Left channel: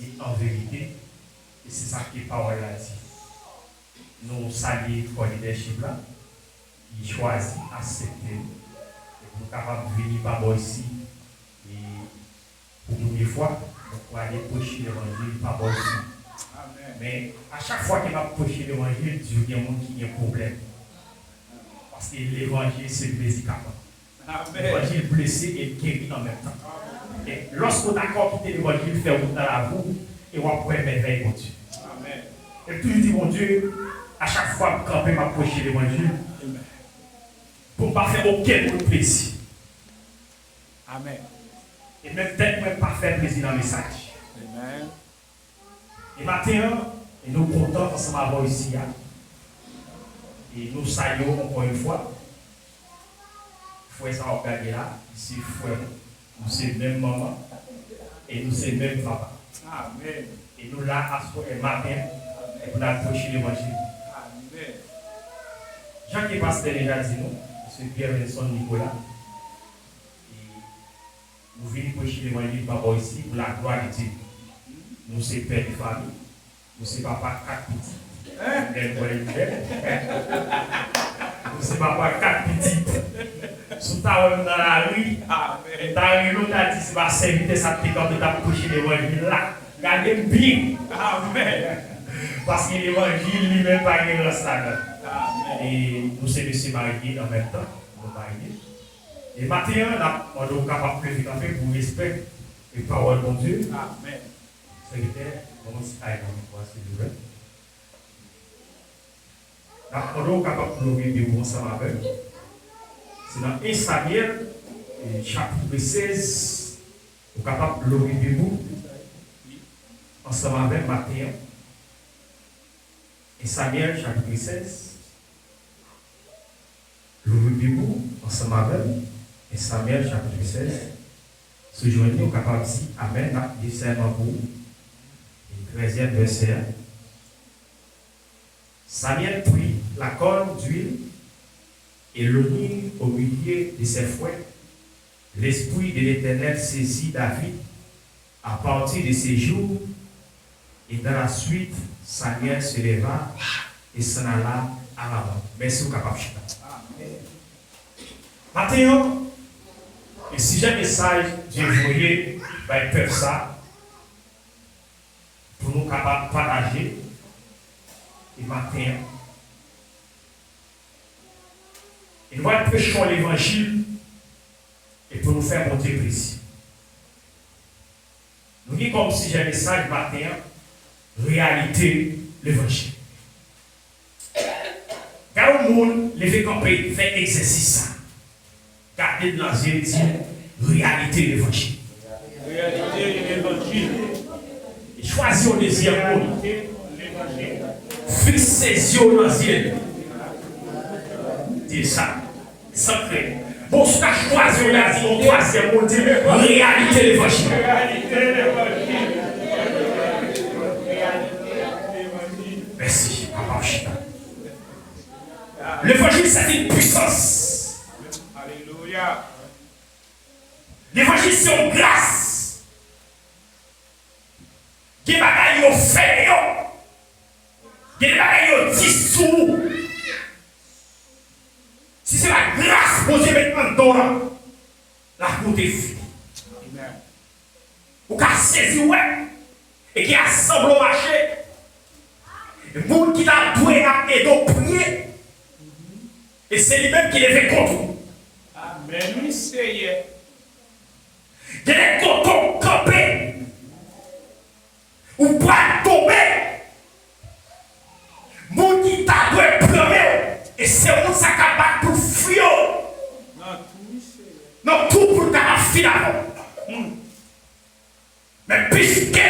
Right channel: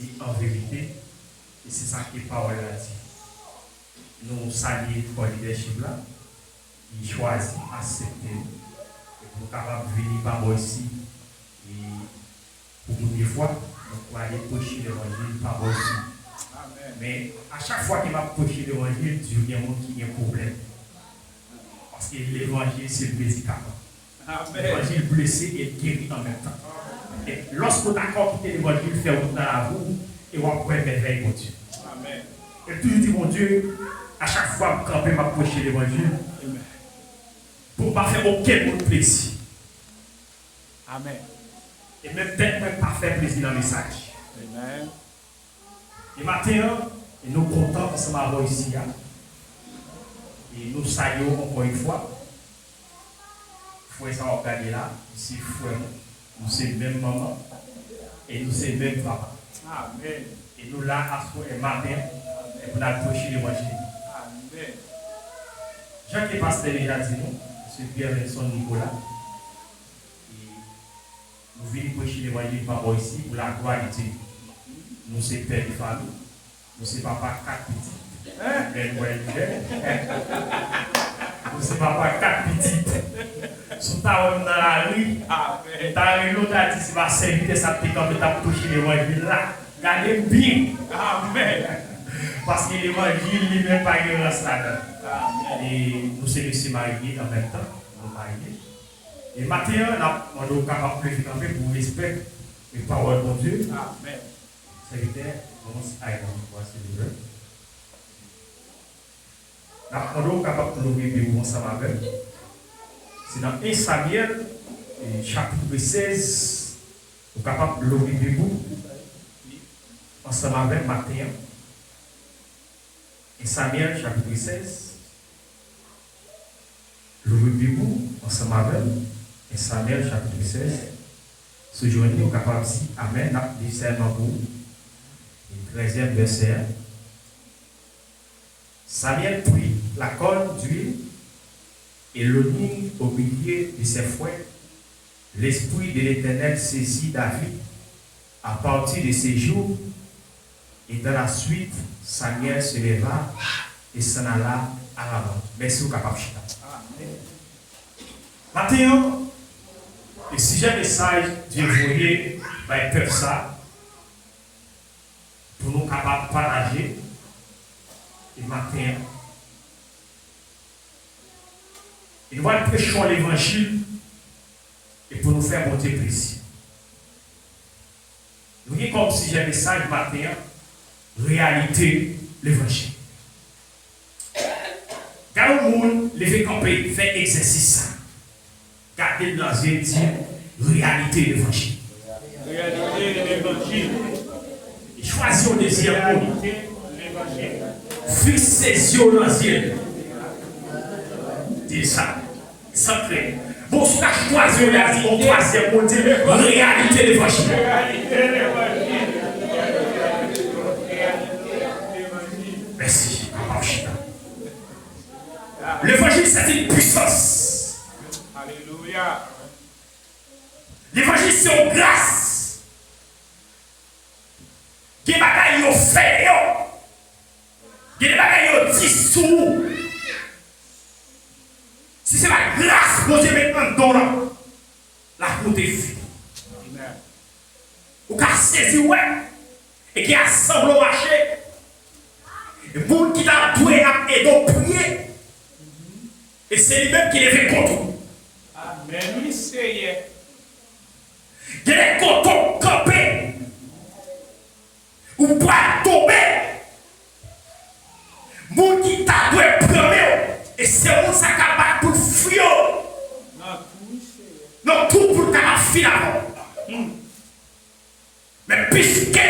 et en vérité. Et c'est ça que la parole a dit. Nous saluons pour le leadership là, qui choisit d'accepter et pour capable de venir par moi ici. Et pour nous des fois, pour aller prêcher l'évangile par moi ici. Mais à chaque fois qu'il va prêcher l'évangile, Dieu y a un monde qui a un problème. Parce que l'évangile, c'est le médicament. L'évangile blessé et guéri en même temps. Et lorsqu'on d'accord quitter l'évangile, faire dans la boue, et on va prendre merveille, mon Dieu. Et toujours dit, mon Dieu, à chaque fois que je vais m'approcher l'évangile, pour ne pas faire aucun autre plaisir. Amen. Et même peut-être même pas faire plaisir dans le message. Amen. Et maintenant, nous sommes contents ensemble avoir ici. Et nous saluons encore une fois. Frère, ça va regarder là. Ici, frère, nous sommes même maman. Et nous sommes même papa. Amen. Et nous là, à ce matin, et pour approcher l'évangile. Amen. Jacques et Pasteur déjà dit nous, M. Pierre-Vincent Nicolas. Et nous venons prêcher l'évangile par ici pour la gloire de Dieu. Nous sommes père de famille. Nous sommes papa 4 petits. Nous sommes papa 4 petits. Sous ta dans la rue, ta l'autre a dit si va servir ça te comme ta prêcher l'évangile là. Gardez bien. Amen. Parce que l'évangile lui-même pas de race là-dedans. Et nous sommes mariés en même temps. Nous mariés. Et maintenant, on est capable de faire pour respect et parole de Dieu. Amen. Secrétaire, comment c'est aïe, s'il vous plaît. On est capable de lever ensemble avec. C'est dans 1 Samuel, chapitre 16, on est capable de lever ensemble avec Matthieu. 1 Samuel, chapitre 16. Lever ensemble avec 1 Samuel, chapitre 16. Ce jour-là, on est capable de dire Amen, dit serment pour vous. 13e verset. Samuel prit la corne d'huile et le mit au milieu de ses fouets. L'Esprit de l'Éternel saisit David à partir de ces jours. Et dans la suite, Samuel se leva et s'en alla à l'avant. Merci, capable. Maintenant, et si j'ai un message, Dieu voulait, faire ça. Pour nous capables de partager et matin. Et nous allons prêcher l'évangile et pour nous faire monter plaisir. Nous disons comme si j'ai un message matin, réalité l'évangile. Quand le monde levé camper, fait exercice, gardez dans la dit réalité l'évangile. Réalité l'évangile. Choisis au deuxième mot. Fixez les yeux dans le ciel. Dis ça. Sacré. Bon, ce que choisi au troisième mot, dire réalité l'évangile. Merci, Papa Chita. L'évangile, c'est une puissance. Alléluia. L'évangile, c'est une grâce. Des bagailles yo fait yo. Des bagailles yo dissous. Si c'est la grâce posée maintenant dans la route est finie. Ou qu'a saisi ouais et qui assemble au marché. Le monde qui t'a doué à aider prier. Et c'est lui-même qui les fait contre. Amen. Oui, c'est. Il y a des cotons campés. Ou pas tomber. Moun qui t'a doué premier. Et c'est où ça capable pour fuir. Non, tout pour ta fille avant. Mais puisque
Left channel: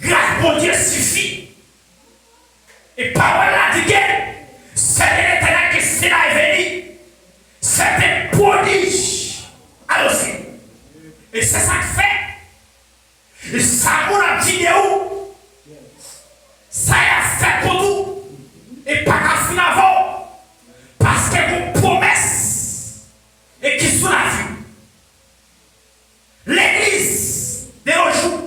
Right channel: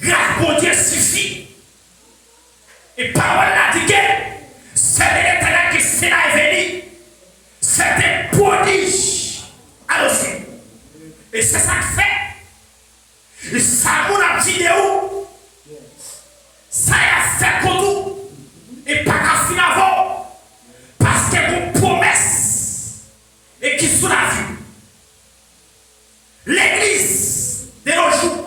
grâce pour Dieu suffit. Et parole la dit que c'est l'éternel qui s'est là et venu. C'est un prodige. Alors c'est. Et c'est ça que fait. Et ça, mon vidéo. Ça a fait comme tout. Et pas qu'à finir avant. Parce que vos promesses. Et qui sont la vie. L'église de nos jours.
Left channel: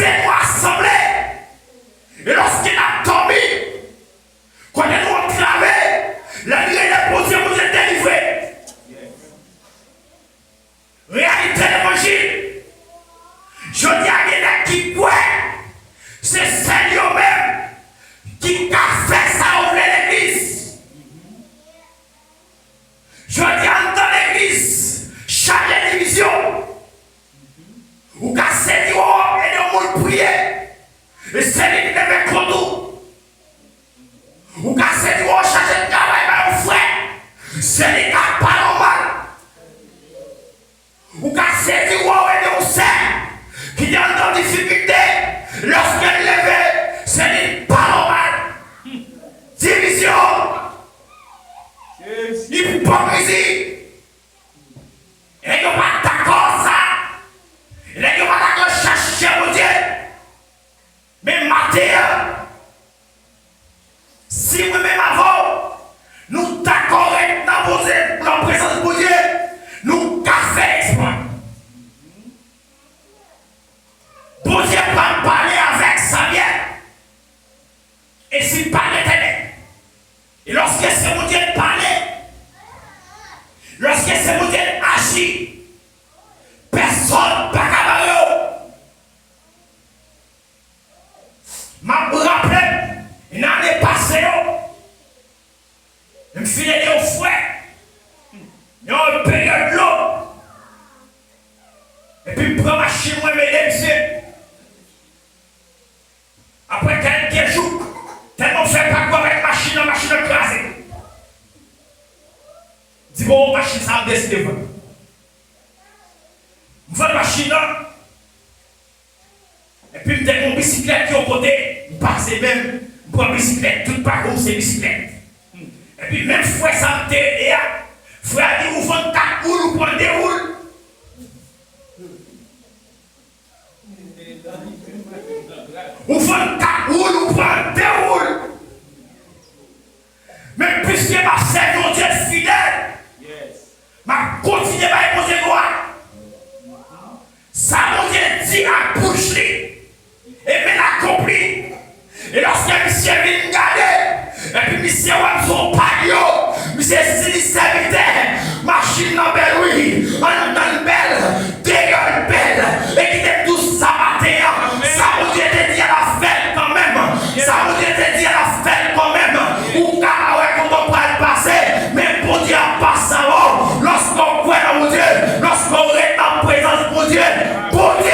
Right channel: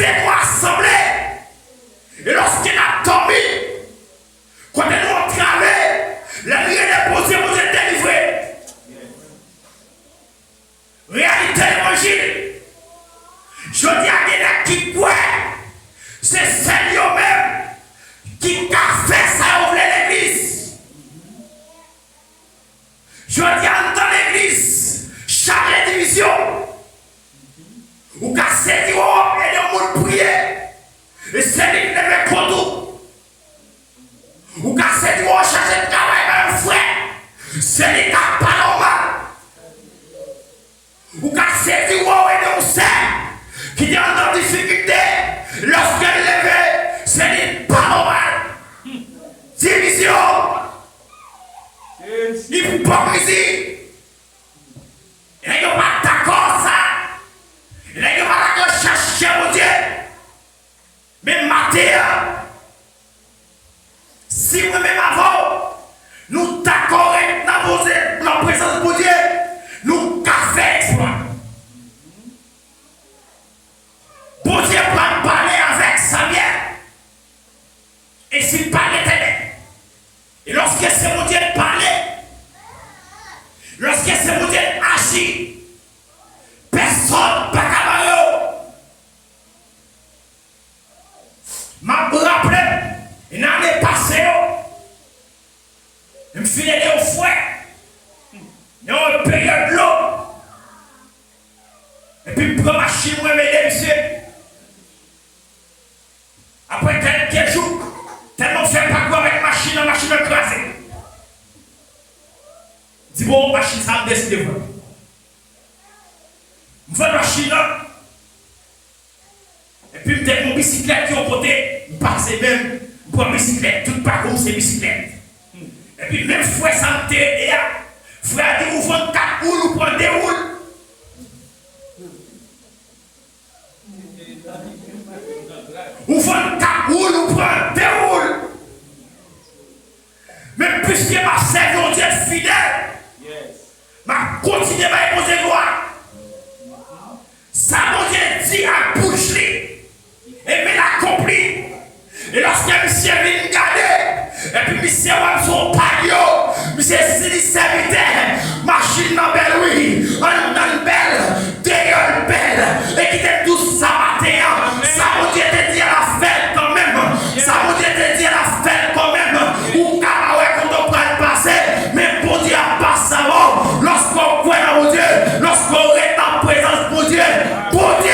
fait nous assembler. Et lorsqu'il a dormi, quand nous avons cravé, la nuit est posée, vous êtes délivrés. Réalité d'évangile. Je dis à quelqu'un qui croit, c'est Seigneur même qui a fait ça ouvrir l'église. Je dis dans l'église, chaque division, ou qu'à cette et de monde prier, et c'est lui qui devait conduire. Ou qu'à cette chercher de travail par un frère, c'est lui qui a pas normal. Ou qu'à cette et de sait qui est en difficulté, lorsqu'elle lève, c'est lui pas normal. Division, hypocrisie. Et nous ne pas d'accord ça. Et nous ne pas d'accord chercher mon Dieu. Mais matin, si nous-mêmes avant, nous d'accord dans la présence de Dieu, nous café exploit. Bon Dieu va parler avec Samuel. Et s'il parle éternel. Et lorsque c'est mon Dieu parlait, lorsque c'est mon Dieu agit, personne ne peut pas. M'a rappelé, une année passée, je me suis allé au fouet, il y a une période l'eau, et puis je prends ma machine, je me mets monsieur. Après quelques jours, tellement je ne fais pas quoi avec la machine écrasée. Je dis bon, machine, ça me décide de voir. Je fais la machine, et puis je prends mon bicyclette qui est au côté, je passe même, je prends la bicyclette, tout pas comme c'est bicyclette. Et puis même frère ça me dit, frère dit, vous vendez 4 roues, vous prenez des roues. Vous vendez 4 roues, vous prenez des roues. Mais puisque ma servante mon Dieu fidèle, ma continue à imposer gloire. Ça mon Dieu dit à bouche et bien accompli. Et lorsque monsieur vient garder, et puis monsieur a son palio, monsieur si serviteur, machine en belle, oui, en belle, dégueule belle, et qui était tout ça matin, ça mon Dieu te dit à la fête quand même, ça mon Dieu te dit à la fête quand même, ou car ouais, quand on va le passer, mais pour dire passe avant, lorsqu'on croit dans mon Dieu, lorsqu'on est en présence de Dieu, pour Dieu,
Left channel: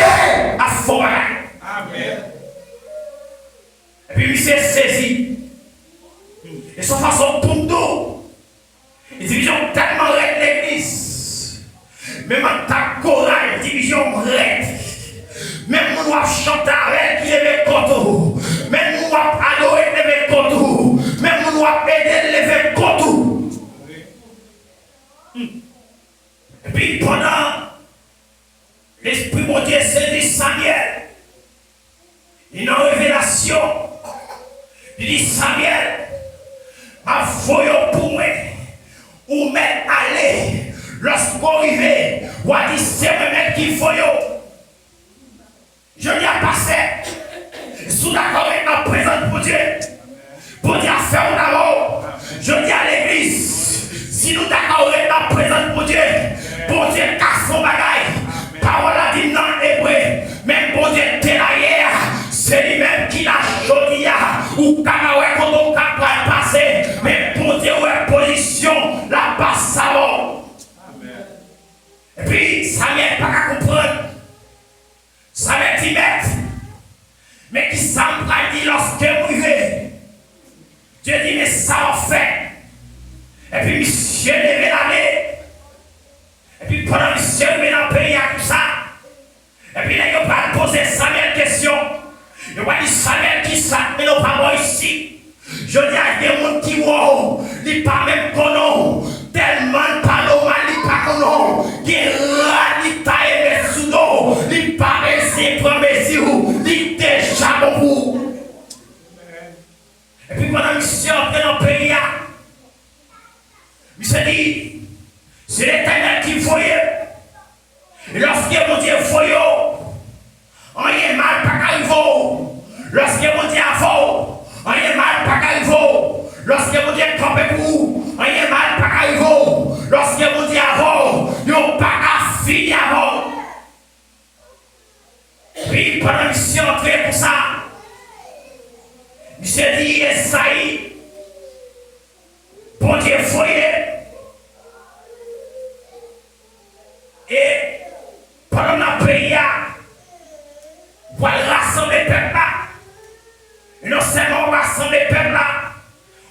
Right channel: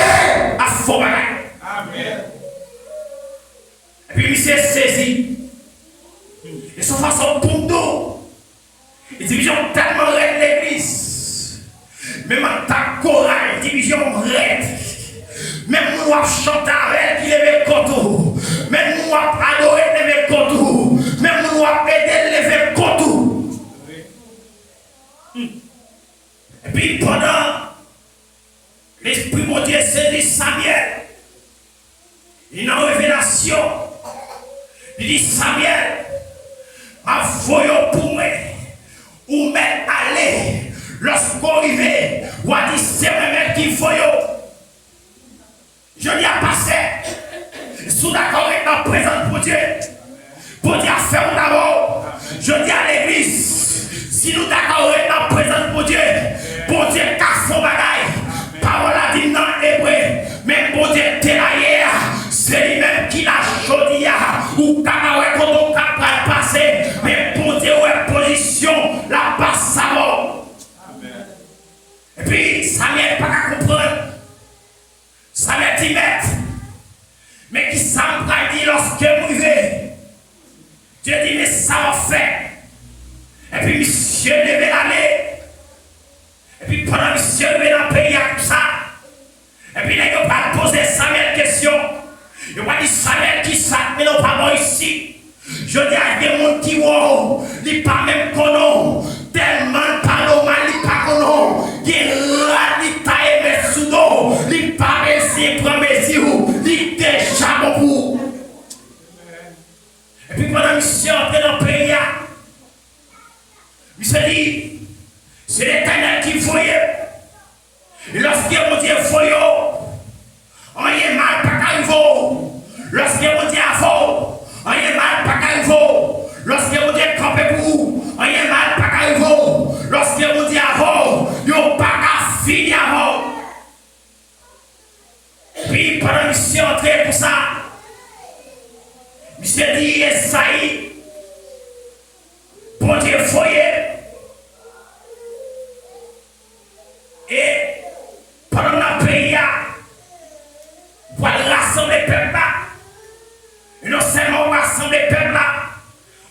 à fond. Amen. Et puis il s'est saisi. Et son façon pour nous. Et division tellement raide l'église. Même en ta chorale, division raide. Même nous avons chanté avec qui lève le coteau. Même nous avons adoré lever le coteau. Même nous avons aidé lever le coteau. Et puis pendant l'Esprit mon Dieu saisit Samuel. Une révélation. Il dit Samuel, ma voyons pour moi, ou m'être allé, lorsqu'on arrive, ou a dit c'est moi-même qui voyons. Je n'y ai passé, sous d'accord avec la présence pour Dieu, pour Dieu faire d'abord. Je dis à l'église, si nous d'accord avec la présence pour Dieu casse son bagaille, parole a dit dans l'hébreu, même pour Dieu délayer. C'est lui-même qui l'a choisi, ou quand on va passer, mais pour dire position, la passe avant. Et puis, ça n'est pas à comprendre. Ça m'est timide. Mais qui s'en dit lorsque vous vivez. Dieu dit, mais ça va faire. Et puis, monsieur levé l'année. Et puis, pendant que monsieur levé dans le pays, tout ça. Et puis, il n'a pas posé Samuel question. Je vois dit Samuel qui ça, mais non pas moi ici. Je dis à des gens qui wow, ils pas même connaissent, tellement pas normal, ils pas connaissent, ils taillent les sous d'eau, ils pas réussi pour mesure, ils déjà beaucoup. Et puis pendant que je suis entré dans le pays, je me suis dit, c'est l'Éternel qui voyait. Et lorsque mon Dieu voyait, on y est mal, pas qu'à lorsque mon Dieu a faux, rien mal pas qu'à vous. Lorsque mon Dieu campé pour vous, rien mal pas qu'à vous. Lorsque mon Dieu a faux, yon pas qu'à finir avant. Puis pendant que je suis entré pour ça, je me dit, Esaïe, bon Dieu foyer. Et pendant que le pays on va rassembler le peuple là. Et non seulement on va rassembler le peuple là,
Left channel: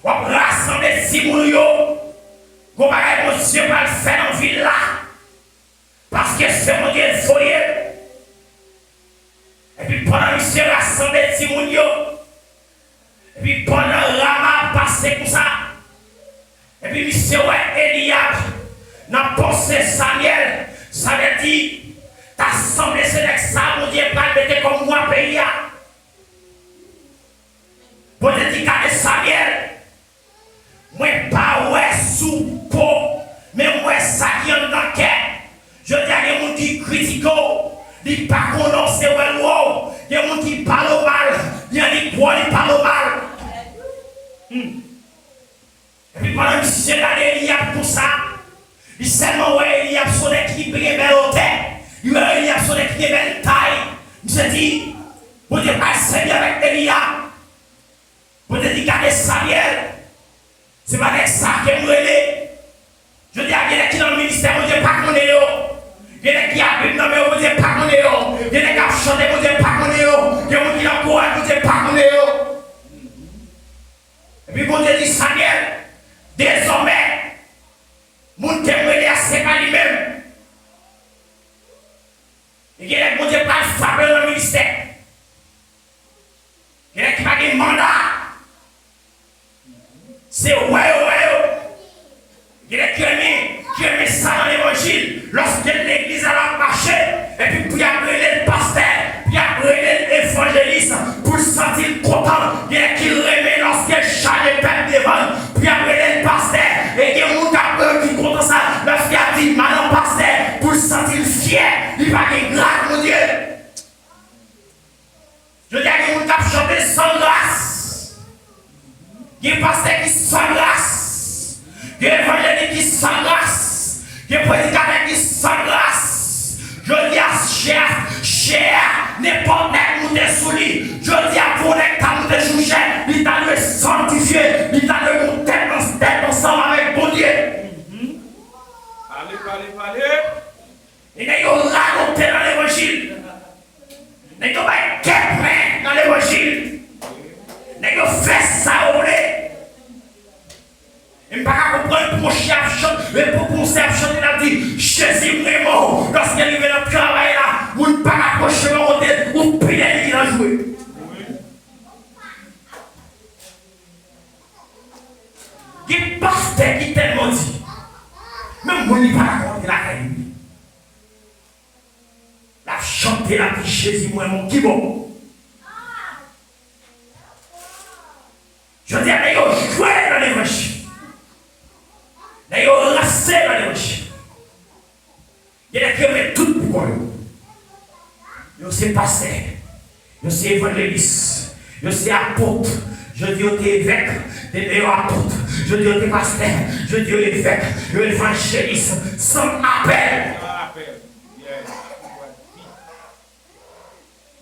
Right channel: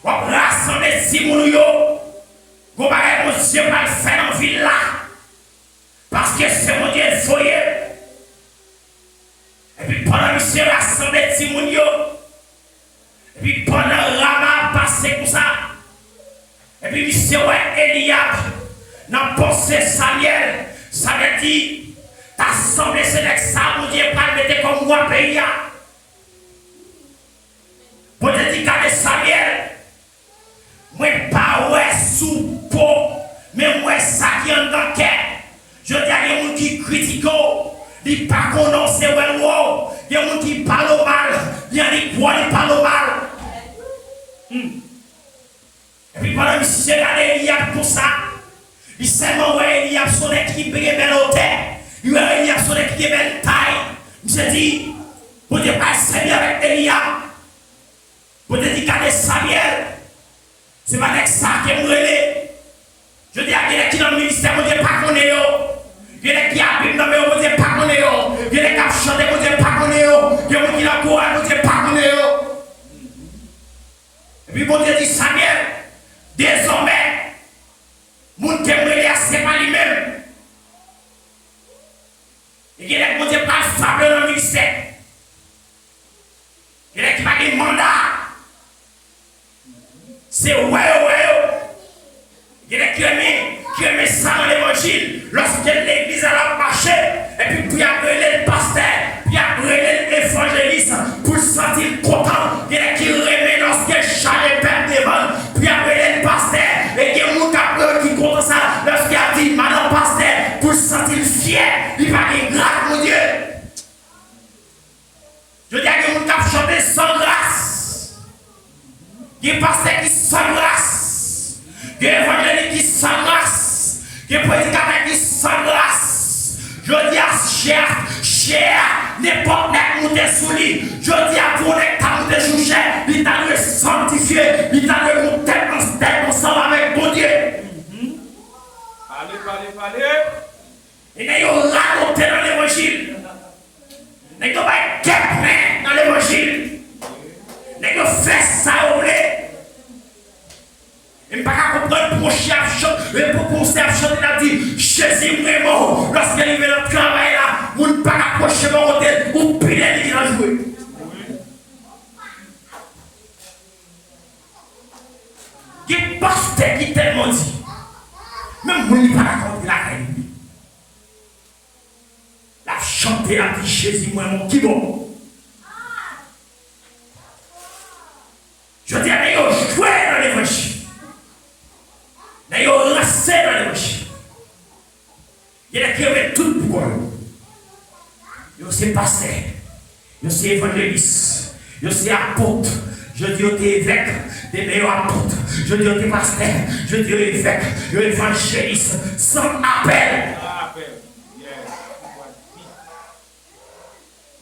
on va rassembler Simounio. On va mon Dieu va le faire dans la ville là. Parce que c'est mon Dieu le foyer. Et puis pendant que monsieur rassemblé Simounio, et puis pendant Rama passé comme ça, et puis monsieur ouais Eliab, dans pensée Samuel, ça veut dire, t'as semblé ce n'est que ça, mon Dieu, pas le mettre comme moi pays. Pour te dire qu'avec Samuel, moi pas ouais sous peau, mais moi ça qui en dans le cœur. Je dis à des gens qui critiquent, ils ne pas connaissent c'est ouais wow. Il y a des gens qui parlent mal, il y a des gens qui parlent mal. Et puis pendant que je regarde Eliab pour ça, il seulement ouais Eliab son équipe qui est belle au tête, il ouais Eliab son équipe qui est belle taille. Je dis, vous dites pas c'est bien avec Eliab. Vous dites regardez Samuel, c'est pas avec ça que vous relez. Je dis à quelqu'un qui dans le ministère, vous dites pas qu'on est là. Il y a qui a bien nommé, vous dites pas qu'on est là. Il y a qui a chanté, vous dites pas qu'on est là. Il y a qui a couru, vous dites pas qu'on est là. Et puis vous dites Samuel, désormais, mon témoignage c'est pas lui-même. Il y a qui ne pas fable dans le ministère. Il y a qui n'a pas de mandat. C'est ouais. Il y a qui aime ça dans l'évangile. Lorsque l'église a marché, et puis il y a le pasteur, puis il y a l'évangéliste pour se sentir content. Il y a qui remet lorsque chalet perd devant, puis il y a le pasteur, et il y a un qui compte ça, lorsqu'il a dit madame pasteur, pour se sentir fier, il va dire grâce mon Dieu. Je dis à qui a chanté sans grâce. Il y a un pasteur qui sans grâce. Il y a un évangéliste qui sans grâce. Il y a un prédicateur qui sans grâce. Je dis à cher, n'importe qui monte sous lui. Je dis à vous, qui a monté sous cher, il t'a le sanctifié, il t'a le monté dans ensemble avec mon Dieu. Allez. Et nous avons raconté dans l'évangile. Nous avons fait dans l'évangile. Nous avons fait ça au lait. Et je ne peux pas comprendre pour chanter, il a dit, Jésus vraiment, lorsqu'il est dans le travail là, vous ne pouvez pas approcher mon côté, vous prenez il a joué. Il y a un pasteur qui tellement dit, même vous ne pouvez pas raconter la réalité. La chanter, la dit, Jésus vraiment, qui bon. Je dis à vous, jouez dans l'évangile. D'ailleurs, restez dans l'évangile. Il y a des qui ont tout pour eux. Ils sont pasteur, ils sont évangélistes, ils sont apôtres. Je dis aux évêques, des meilleurs apôtres. Je dis aux pasteurs, je dis aux évêques, aux évangélistes, sans appel.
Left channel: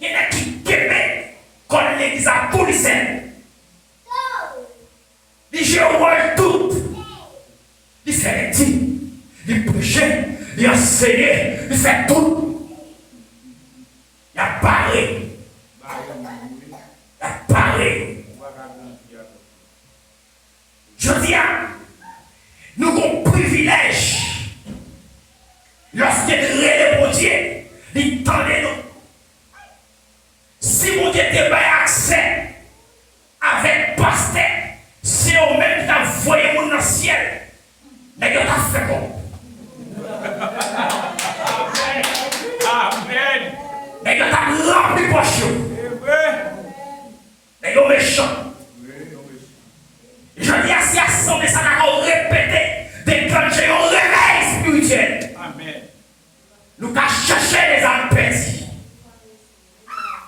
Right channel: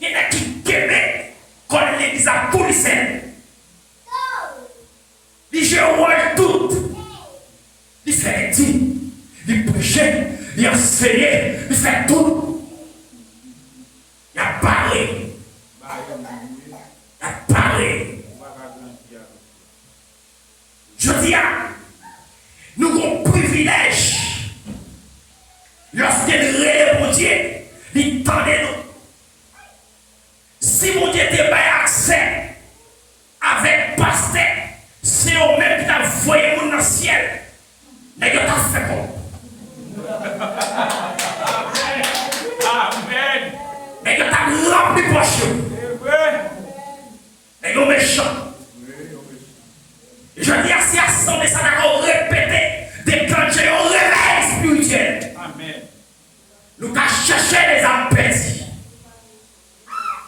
Il y en a qui aiment quand l'église a policier. Les gens ont tout. Il fait des dîmes, il prêchait, il enseignait, il fait tout. Il a parlé. Il a parlé. Je dis à nous avons un privilège. Lorsque nous relèvons Dieu, il tendait nous. Si mon Dieu te fait accès avec pasteur, c'est eux-mêmes qui t'ont envoyé dans le ciel. Mais Dieu t'a fait quoi? Amen. Mais Dieu t'a rempli poche. Mais Dieu méchant. Je dis à ces assemblées, ça n'a pas répété, déclencher un réveil spirituel. Amen. Nous avons cherché les âmes perdues.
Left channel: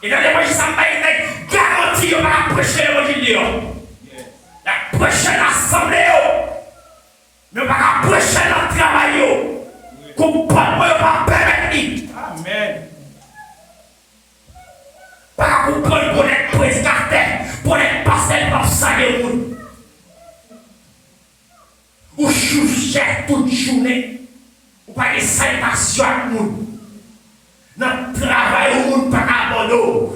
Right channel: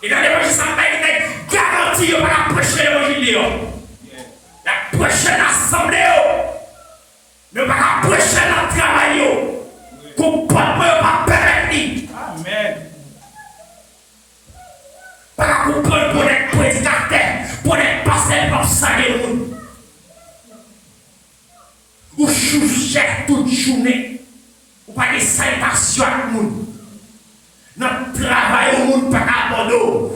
Et dans l'évangile, ça m'a été garanti. menti, il va prêcher l'évangile. La prochaine assemblée, mais il va prêcher dans le travail. Qu'on pas permettre. Amen. Pas comprendre pour être prédicateur, pour être pasteur pour saluer le monde. Ou choucher toute journée. Ou pas de salutation à le monde. Notre travail au monde pas abandonné.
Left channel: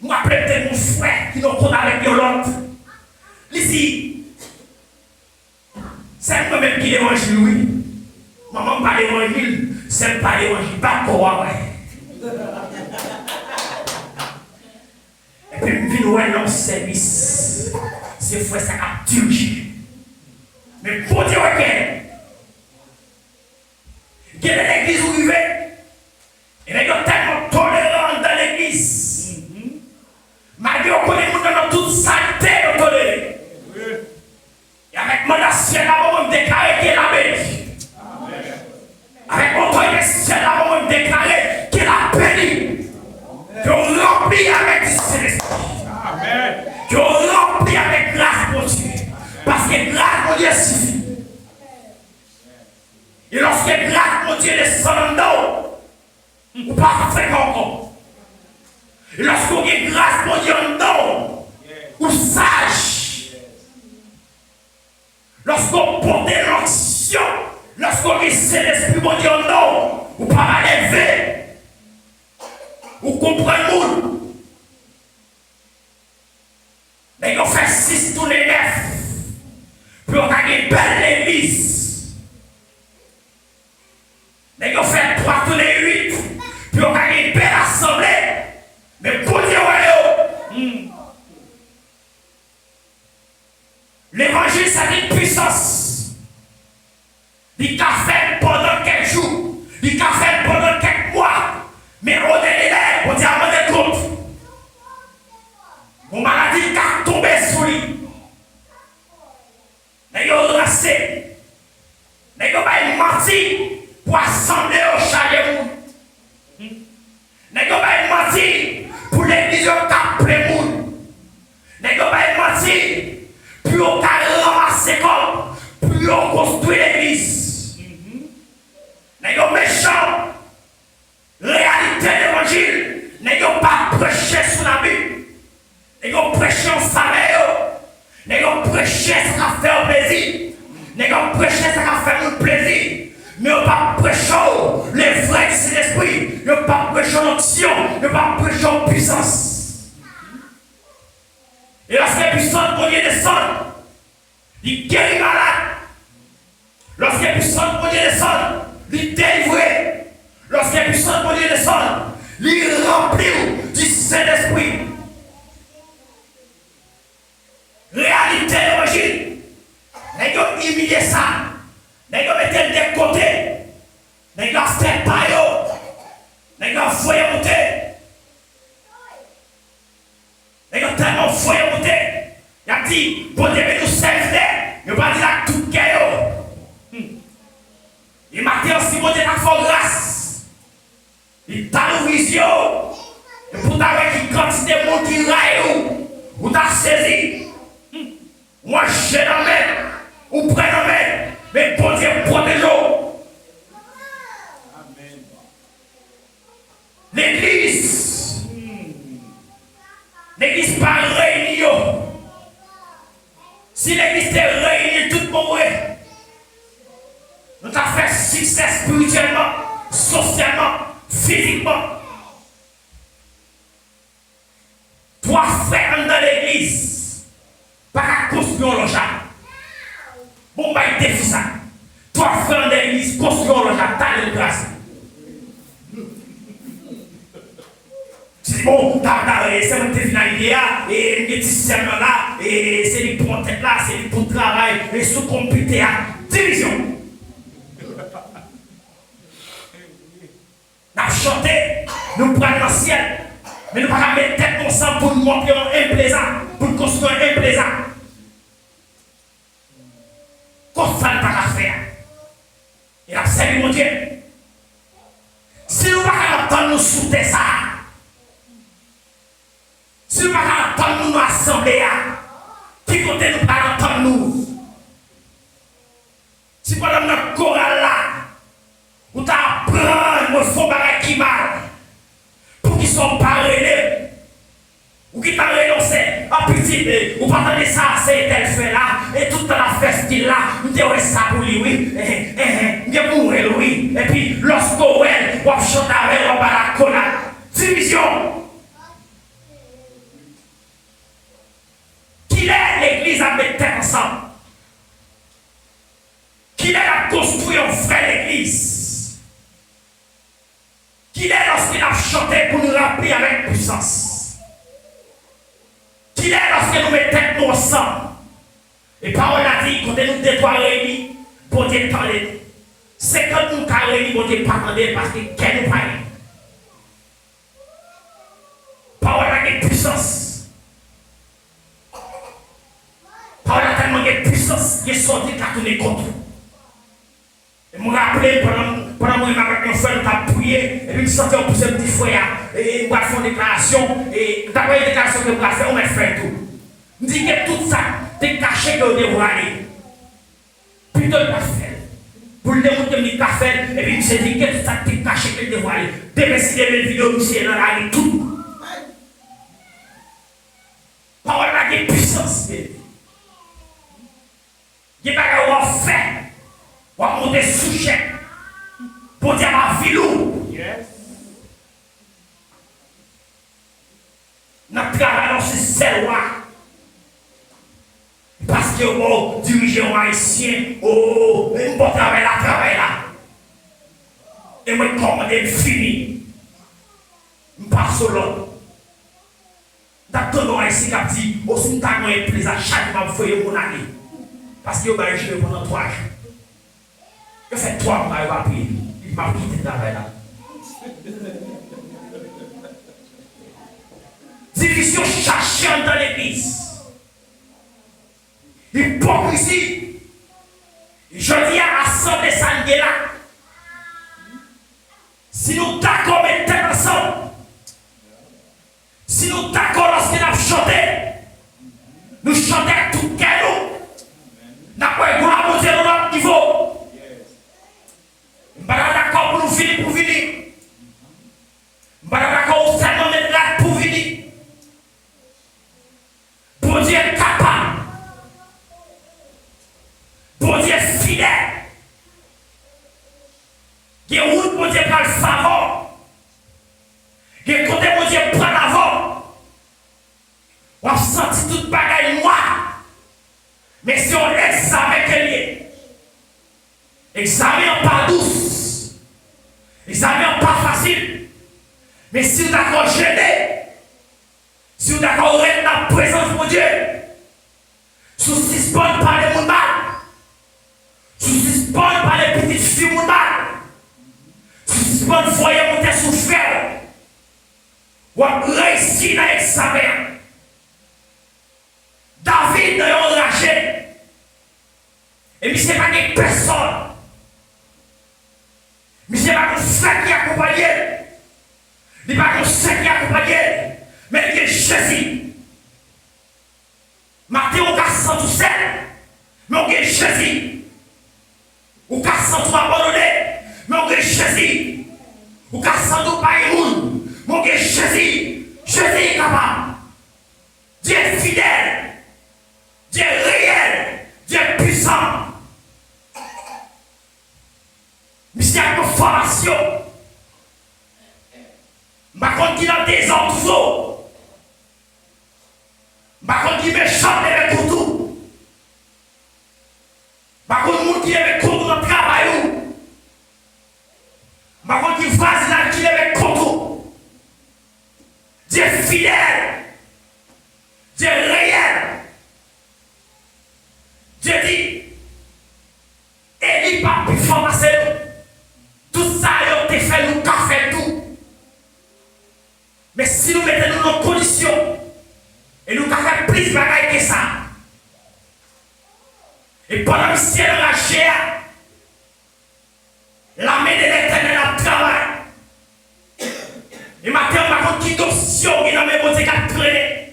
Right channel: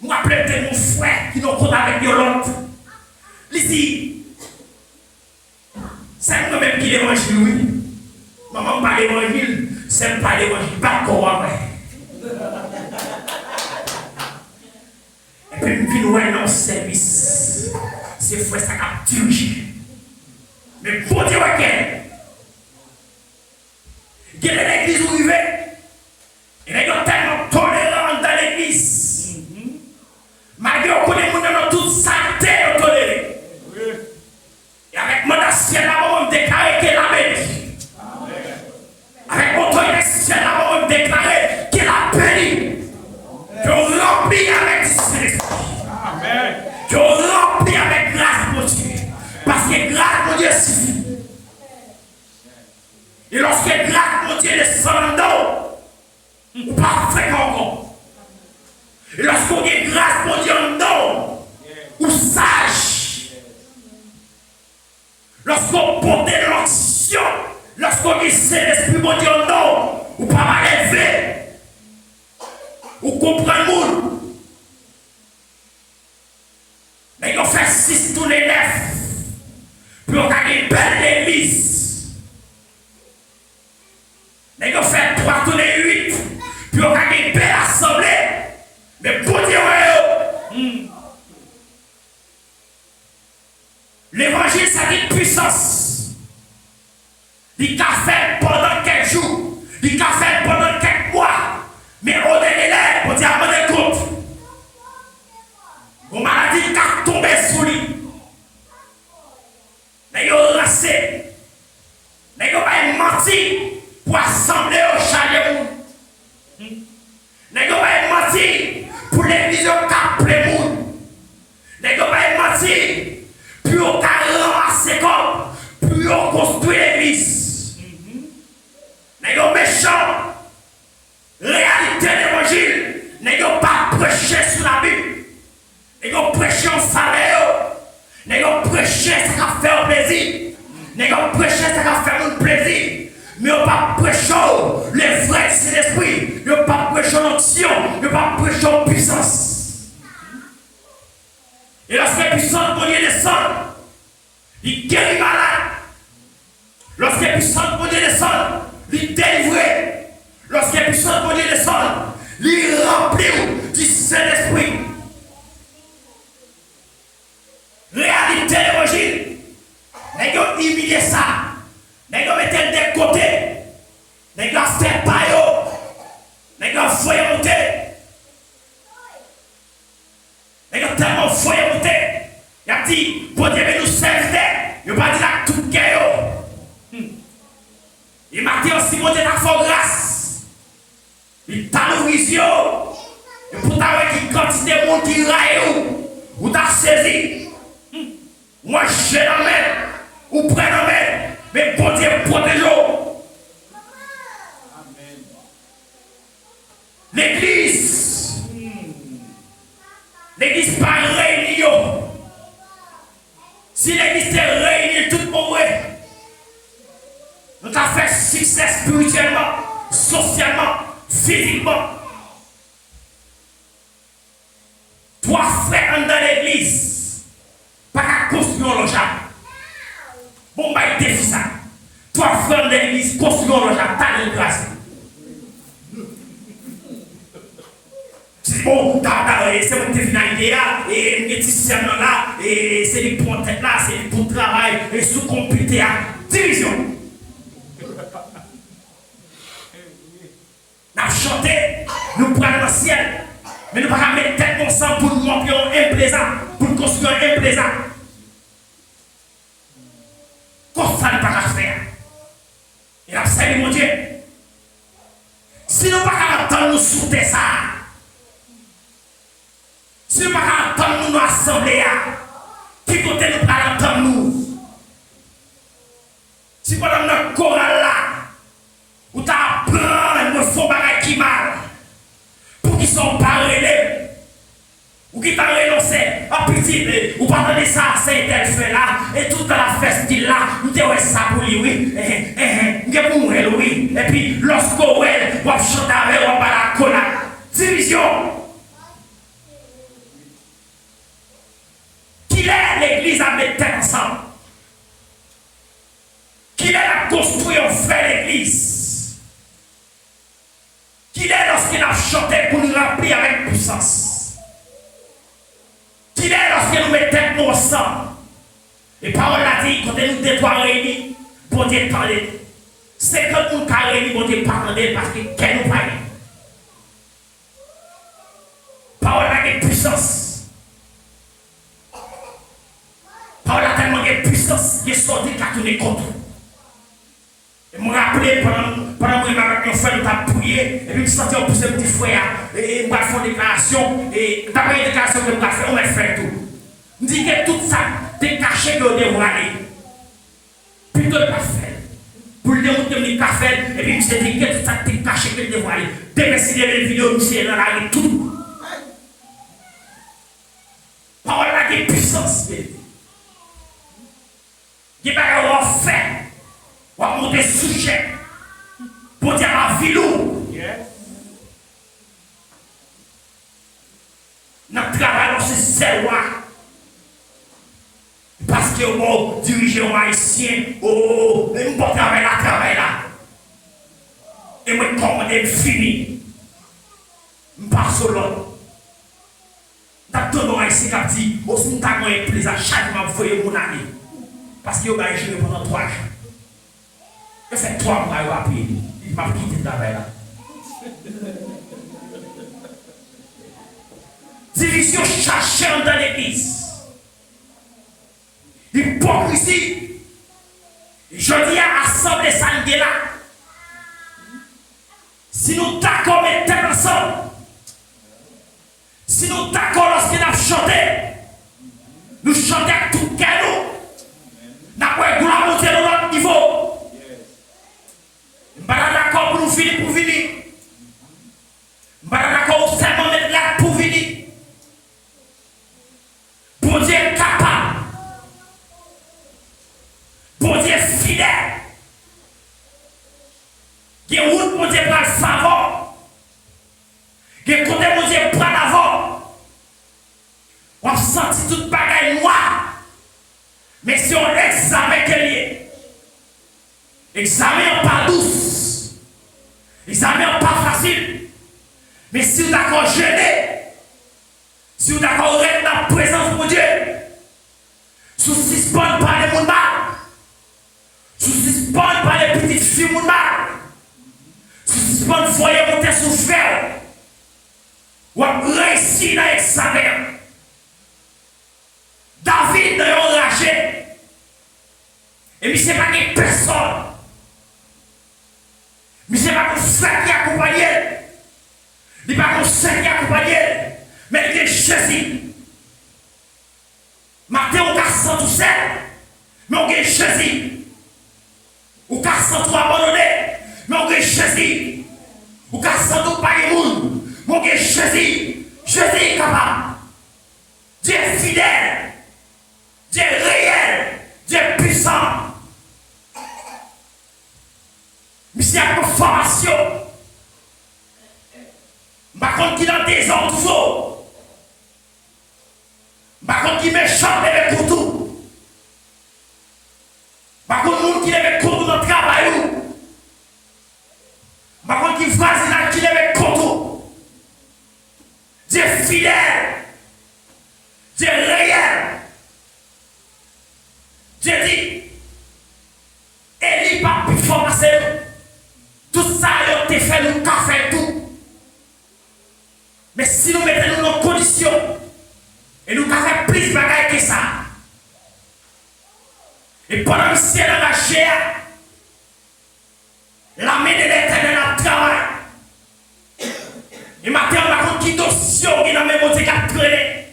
Moi, peut-être mon frère qui nous compte avec Yolande. Ici, c'est moi-même qui l'évangile, oui. Maman, pas l'évangile, c'est pas l'évangile, pas quoi. Et puis, je viens dans le service. C'est frère, ça a tué. Mais pour dire que il y a l'église où il va, il y a tellement tolérant dans l'église. Malgré qu'on connaît dans toute saleté, on tolère. Et avec mon ancien là, on déclare qu'il a béni. Avec mon ancien là, on déclare qu'il a béni. Qu'on remplit avec du Saint-Esprit. Qu'on remplit avec grâce, mon Dieu. Parce que grâce, mon Dieu, suffit. Et lorsque grâce, mon Dieu, descend dans nous, ou pas fréquemment. Et lorsqu'on est grâce, mon Dieu, non, ou sage. Lorsqu'on porte l'onction, lorsqu'on est Saint-Esprit, mon Dieu, non, ou pas mal élevé, ou comprendre le monde. Mais on fait 6 tournées 9 pour gagner une belle église. Mais on fait 3 tournées 8 pour gagner une belle assemblée. Mais pour dire, l'évangile, c'est une puissance. Il a fait pendant quelques jours, il a fait pendant quelques mois. Mais on est là, on dit à mon compte. Mon maladie a tombé sous lui. Mais il a resté. Mais il a menti pour assembler au chalet. Mais il a menti pour l'église au cap Plémoun. Mais il a menti pour ramasser comme, pour construire l'église. Mais il a méchant. Réalité de l'évangile, n'est pas prêché sur la Bible. N'est pas prêché en salaire. N'est pas prêché ce qu'a fait plaisir. N'est pas prêché ce qu'a fait plaisir. Mais on pas prêché les vrais de Saint-Esprit. On pas prêché l'onction. On pas prêché en puissance. Et lorsque la puissance de Dieu descend, il guérit malade. Lorsque la puissance de Dieu descend, il délivre. Lorsque la puissance de Dieu descend, il remplit du Saint-Esprit. Réalité de l'évangile. N'est-ce pas humilier ça? N'est-ce pas mettre de côté? N'est-ce pas faire paillot? N'est-ce pas foyer monter? N'est-ce pas tellement foyer monter? Il a dit, bon Dieu, nous servir. Il va dire à tout le monde. Il m'a dit aussi, bon Dieu, à fort grâce. Il t'a l'horizon. Et pour t'avoir qui quantité de monde qui raille ou t'as saisi. Moi, j'ai la main, ou près la main, mais bon Dieu, protège-nous. L'église, l'église pas réunie. Si l'église est réunie, tout le monde, nous avons fait succès spirituellement, socialement, physiquement. 3 frères dans l'église, pas qu'à construire le logement. Bon, bah, il défie ça. 3 frères dans l'église, construire le logement, t'as une grâce. Tu dis, bon, c'est une finalité là, et le système là, et c'est les bons têtes là, c'est les bons travail, et sous computer à division. Nous avons chanté, nous prenons dans le ciel, mais nous ne pouvons pas mettre tête ensemble pour nous montrer un plaisant, pour nous construire un plaisant. Comme ça, nous ne pouvons pas faire. Et là, c'est mon Dieu. Si nous ne pouvons pas attendre nous souter ça, Si nous attendons nous assembler, qui côté nous attendons nous? Si pendant notre chorale là, ou t'apprends, il faut bagaille qui mal, pour qu'ils sont pas relèvés, ou qui t'a renoncé, à petit, ou pendant de ça, c'est tel fait là, et toute la fête là, nous devons ça pour lui, oui, nous devons oui, et puis lorsqu'on est, on chante avec, on va la cola, division. Qu'il est l'église avec terre ensemble. Qu'il est à construire une vraie église. Qu'il est lorsqu'il a chanté pour nous remplir avec puissance. Qu'il est lorsqu'il nous met tête nous ensemble. Et parole a dit, quand nous deux trois réunis, pour Dieu parler. C'est quand nous avons réunis, pour Dieu parler parce que qu'elle nous parle. Parole a une puissance. Parole a tellement de puissance, il est sorti qu'à tourner contre. Et je me rappelle pendant que je avec un frère, je t'ai prié, et puis je sentais un petit frère, et je fait une déclaration, et d'après une déclaration que je fait, on m'a fait tout. Je dis que tout ça, t'es caché que je dois aller. Plutôt le fait. Pour le démontrer que je fait, et puis je dis que tout ça, t'es caché que je dois aller. Demain, si les vidéos, monsieur, dans la rue, tout. Parole a des puissances. Il n'y a pas de fait. On va monter sujet pour dire à Vilou. Yes. Notre travail, c'est celle-là. Parce que vous dirigez un haïtien, oh, et nous portons travail là. Et moi, commandé fini. Je passe au l'autre. Dans le haïtien qui dit, oh, si nous avons un plaisir, chaque mois, vous voyez mon année. Parce qu'il va jouer pendant 3 jours. Il fait 3 mois, il va payer. Il m'a quitté de travail là. Division cherchant dans l'église. Hypocrisie. Je dis à assembler ça là. Si nous d'accord mettons ensemble, si nous d'accord lorsqu'il a chanté, nous chantons tout cadeau. Nous avons monté à notre niveau. Nous sommes d'accord pour nous finir pour venir. Nous sommes d'accord pour seulement mettre là pour venir. Pour dire capable. Pour dire fidèle. Il y a une route pour dire pas le favor. Il y a un côté pour dire pas d'avant. On a senti toute bagaille noire. Mais si on examine qu'elle est, examine pas douce, examine pas facile, mais si vous d'accord jeûner, si vous d'accord être dans la présence de Dieu, si vous suspendez par les mondes, si vous suspendez par les petites filles mondes, si vous suspendez voyez monter sous fer, ou à réussir dans l'examen. David n'a enragé. Et mais c'est pas des personnes. Mais c'est pas un frère qui accompagne. Il n'est pas un frère qui accompagne. Mais il est Jésus. Matin, on a senti tout seul. Mais on est Jésus. On a senti tout abandonné. Mais on est Jésus. On a senti tout pas le monde. Mais on est Jésus. Jésus est capable. Dieu est fidèle. Dieu est réel, Dieu est puissant. Mais s'il y a une formation, par contre, qu'il a des enfants, par contre, qu'il met chambre avec couteau, par contre, qu'il met couteau dans le travail, par contre, qu'il fasse là, qu'il met couteau. Dieu est fidèle, Dieu est réel. Dieu dit, et il pas plus formation. Tout ça, il a fait, nous avons fait tout. Mais si nous mettons nos conditions, et nous avons fait plus de bagaille que ça, et pendant que le ciel a lâché, la main de l'Éternel a travaillé. Et maintenant, on a une question qui est dans le même côté qui a traîné.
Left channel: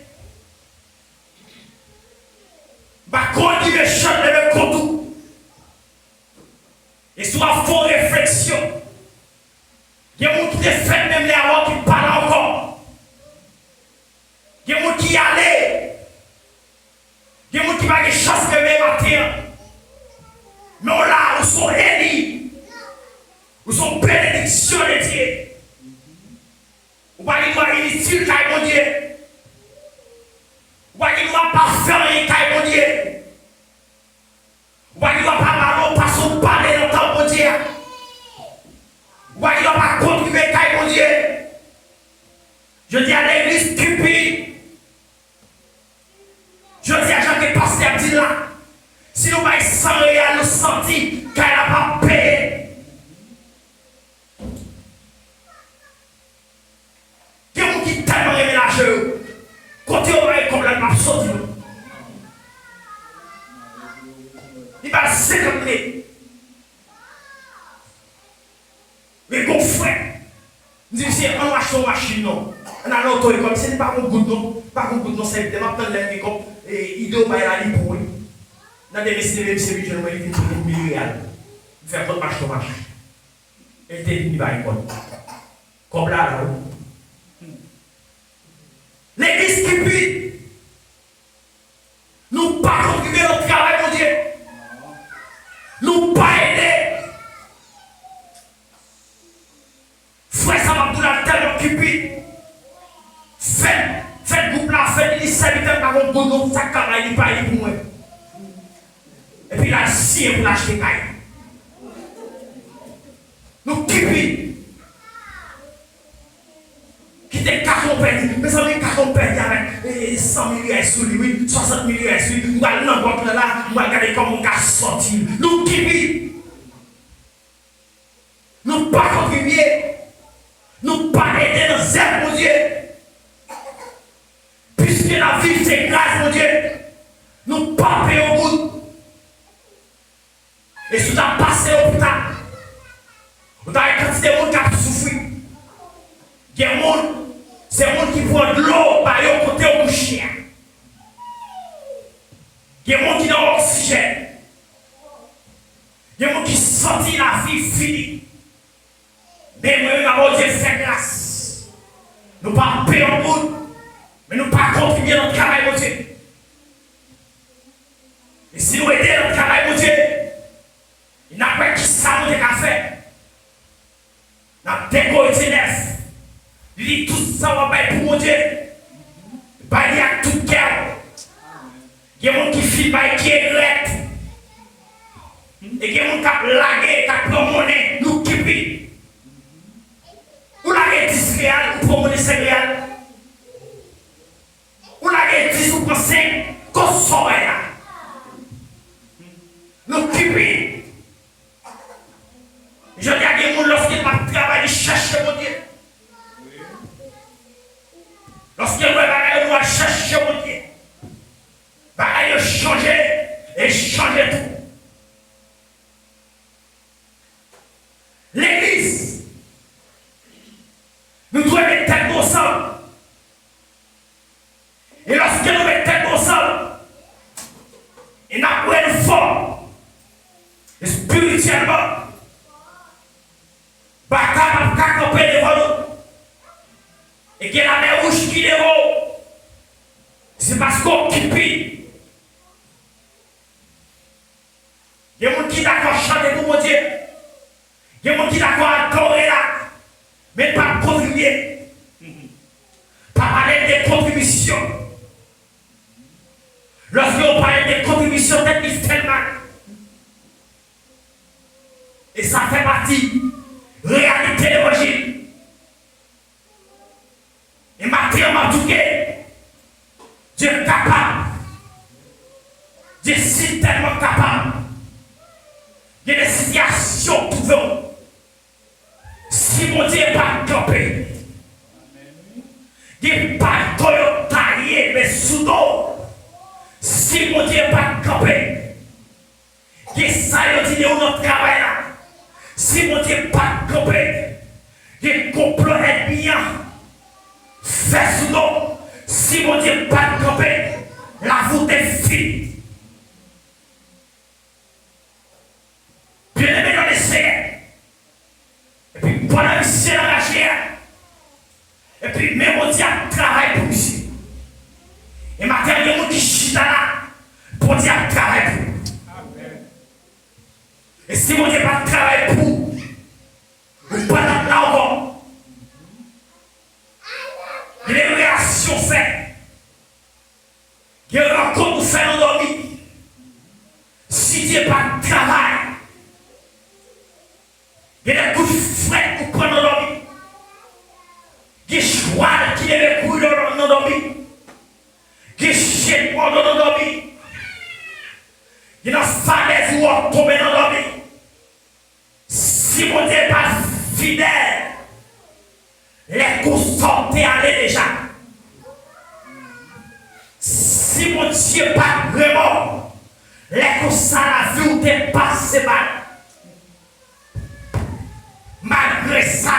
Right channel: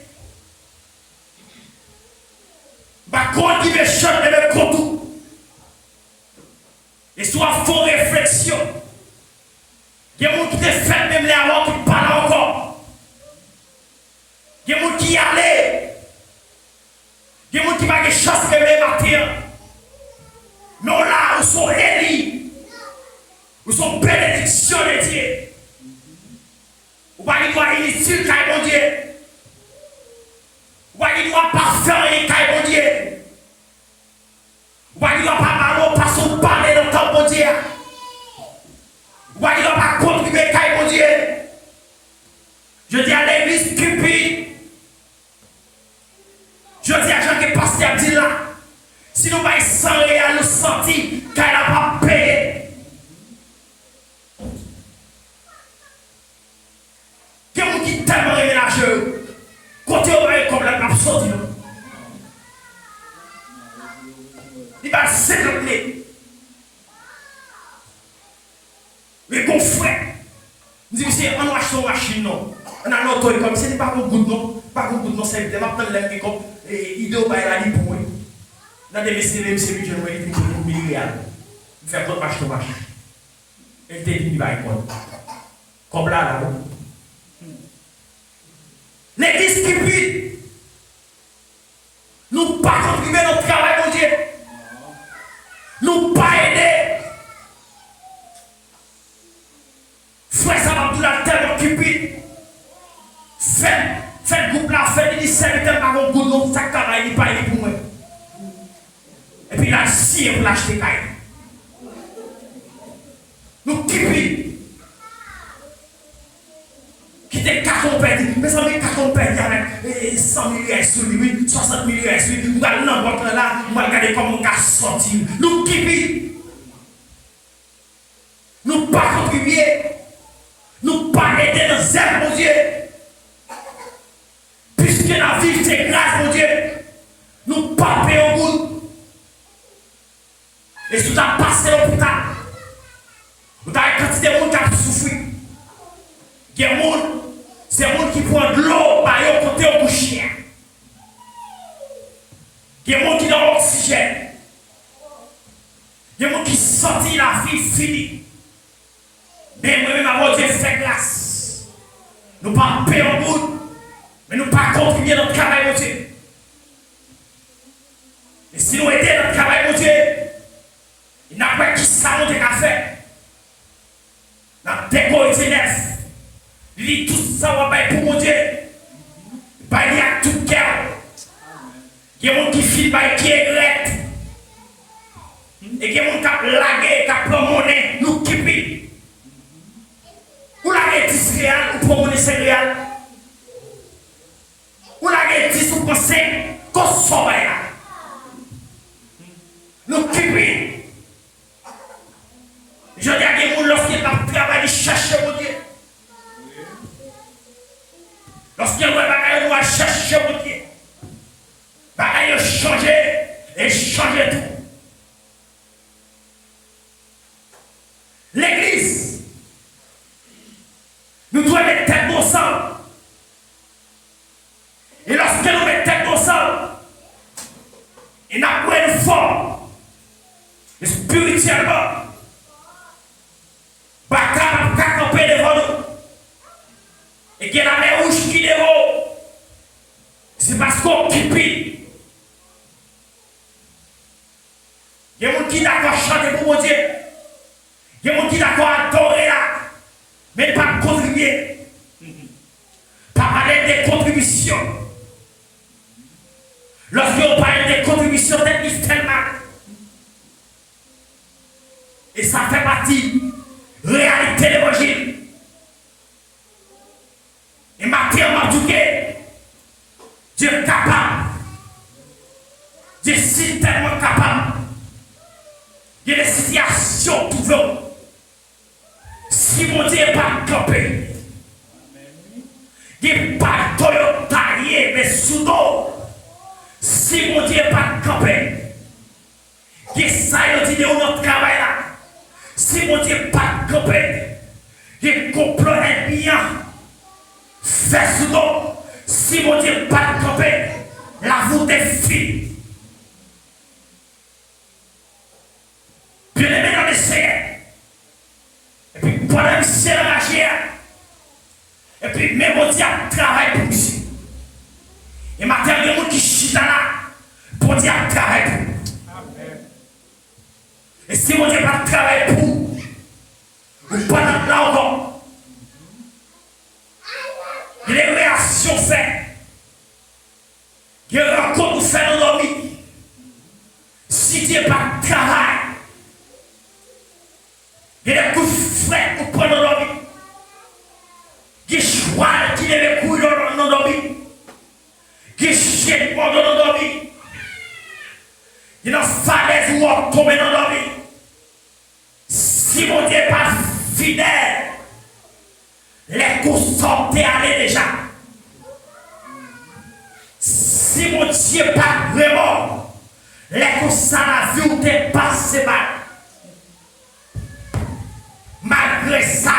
difficile, mon Dieu. Ou il ne doit pas faire rien, mon Dieu. Ou il ne doit pas parler, pas son parler dans ton bon Dieu. Ou il ne doit pas contribuer, mon Dieu. Je dis à l'église stupide. Je dis à Jean que pasteur dit là. Si nous ne sans réel, nous sentir qu'elle n'a pas payé. Il y a des gens qui tellement ménagent. Côté on va comme la map sorti. Il va 50 000. Mais bon frère, nous disons, on va acheter une machine, non. On a l'auto comme ce n'est pas un goût, non. Pas un goût, non, c'est vraiment plein de l'air comme idée au bail à l'île. Dans des messieurs, je vais vous dire 1 000 $. Vous faites votre marche, marche. Et t'es dit, il va y avoir. Comme là, l'église qui pue. Nous pas contribuer notre travail, mon Dieu. Nous pas aider. Frère Samabdoula tellement occupé. Faites groupe là, faites des serviteurs par vos goudons, ça travaille, il pas pour moi. Et puis là, si vous l'achetez, nous occupés. Qui était carton perdu, mais ça met carton perdu avec 100 000 $ sur lui, 60 000 $ sur lui. Nous allons l'envoyer là, nous allons regarder comment on a sorti. Nous occupés. Nous pas contribuer. Nous pas aider dans zèle, mon Dieu. Puisque la vie c'est grâce, mon Dieu. Nous pas payer au bout. Et si tu as passé au l'hôpital, tu as une quantité de monde qui a souffert. Il y a des gens, c'est des gens qui prennent de l'eau par le côté au chien. Il y a des gens qui ont l'oxygène. Il y a des gens qui sentent la vie finie. Mais moi-même, avant Dieu fait grâce. Nous ne pas payer au bout, mais nous ne pas contribuer notre travail, mon Dieu. Et si nous aidons notre travail, mon Dieu, il n'a pas qui ça nous a fait. Nous avons décoré neuf. Il dit tout ça, on va pour mon Dieu. Il va à tout cœur. Il y a des gens qui filent, qui est rette. Et il y a des gens qui ont lagué, qui ont promené, nous qui vivent. Ou la rétis réelle, ou promener céréales. Ou la rétis ou penser qu'on sauve. Nous qui vivent. Je dis à des gens lorsqu'ils ont travaillé, chercher mon Dieu. Lorsqu'ils ont chercher mon Dieu. Ils ont changé et changer tout. L'église, nous devons mettre tête ensemble. Et lorsque nous mettons tête ensemble, il n'y a pas de forme. Et spirituellement, bataille va camper devant nous. Et qu'il y a la mer rouge qui est devant. C'est parce qu'on occupe. Il y a des gens qui sont d'accord à chanter pour mon Dieu. Il y a des gens qui sont d'accord à adorer là. Mais pas contribuer. Pas parler des contributions. Lorsque on parle des contributions d'église tellement. Et ça fait partie de la réalité de l'évangile. Et Matthieu m'a dit que Dieu est capable. Dieu est tellement capable. Il y a des situations pour vous. Si mon Dieu n'est pas campé, il n'y a pas de Toyota, mais sous l'eau. Si mon Dieu n'est pas campé, il y a ça, il y a notre travail là. Si mon Dieu n'est pas campé, il y a complot bien. Fais sous l'eau. Si mon Dieu n'est pas campé, la voûte est finie. Bien aimé dans les Seigneurs. Et puis pendant que c'est la magie, et puis même mon Dieu travaille pour nous. Et maintenant, il y a des gens qui chient là pour Dieu travaille pour nous. Et si mon Dieu pas travaille pour nous, ou pas là encore, il est opération fait. Il y a une rencontre pour faire endormir. Si Dieu pas de travail, il y a des coups de frais pour prendre endormir. Il y a des choix qui devaient courir dans endormir. Il y a des chiens dans endormir. Il y a des falaises où on tombe dans endormir. Si mon Dieu n'est pas fidèle, les coups sont allés déjà. Si mon Dieu n'est pas vraiment, les coups à la vie où t'es passé mal. Malgré ça,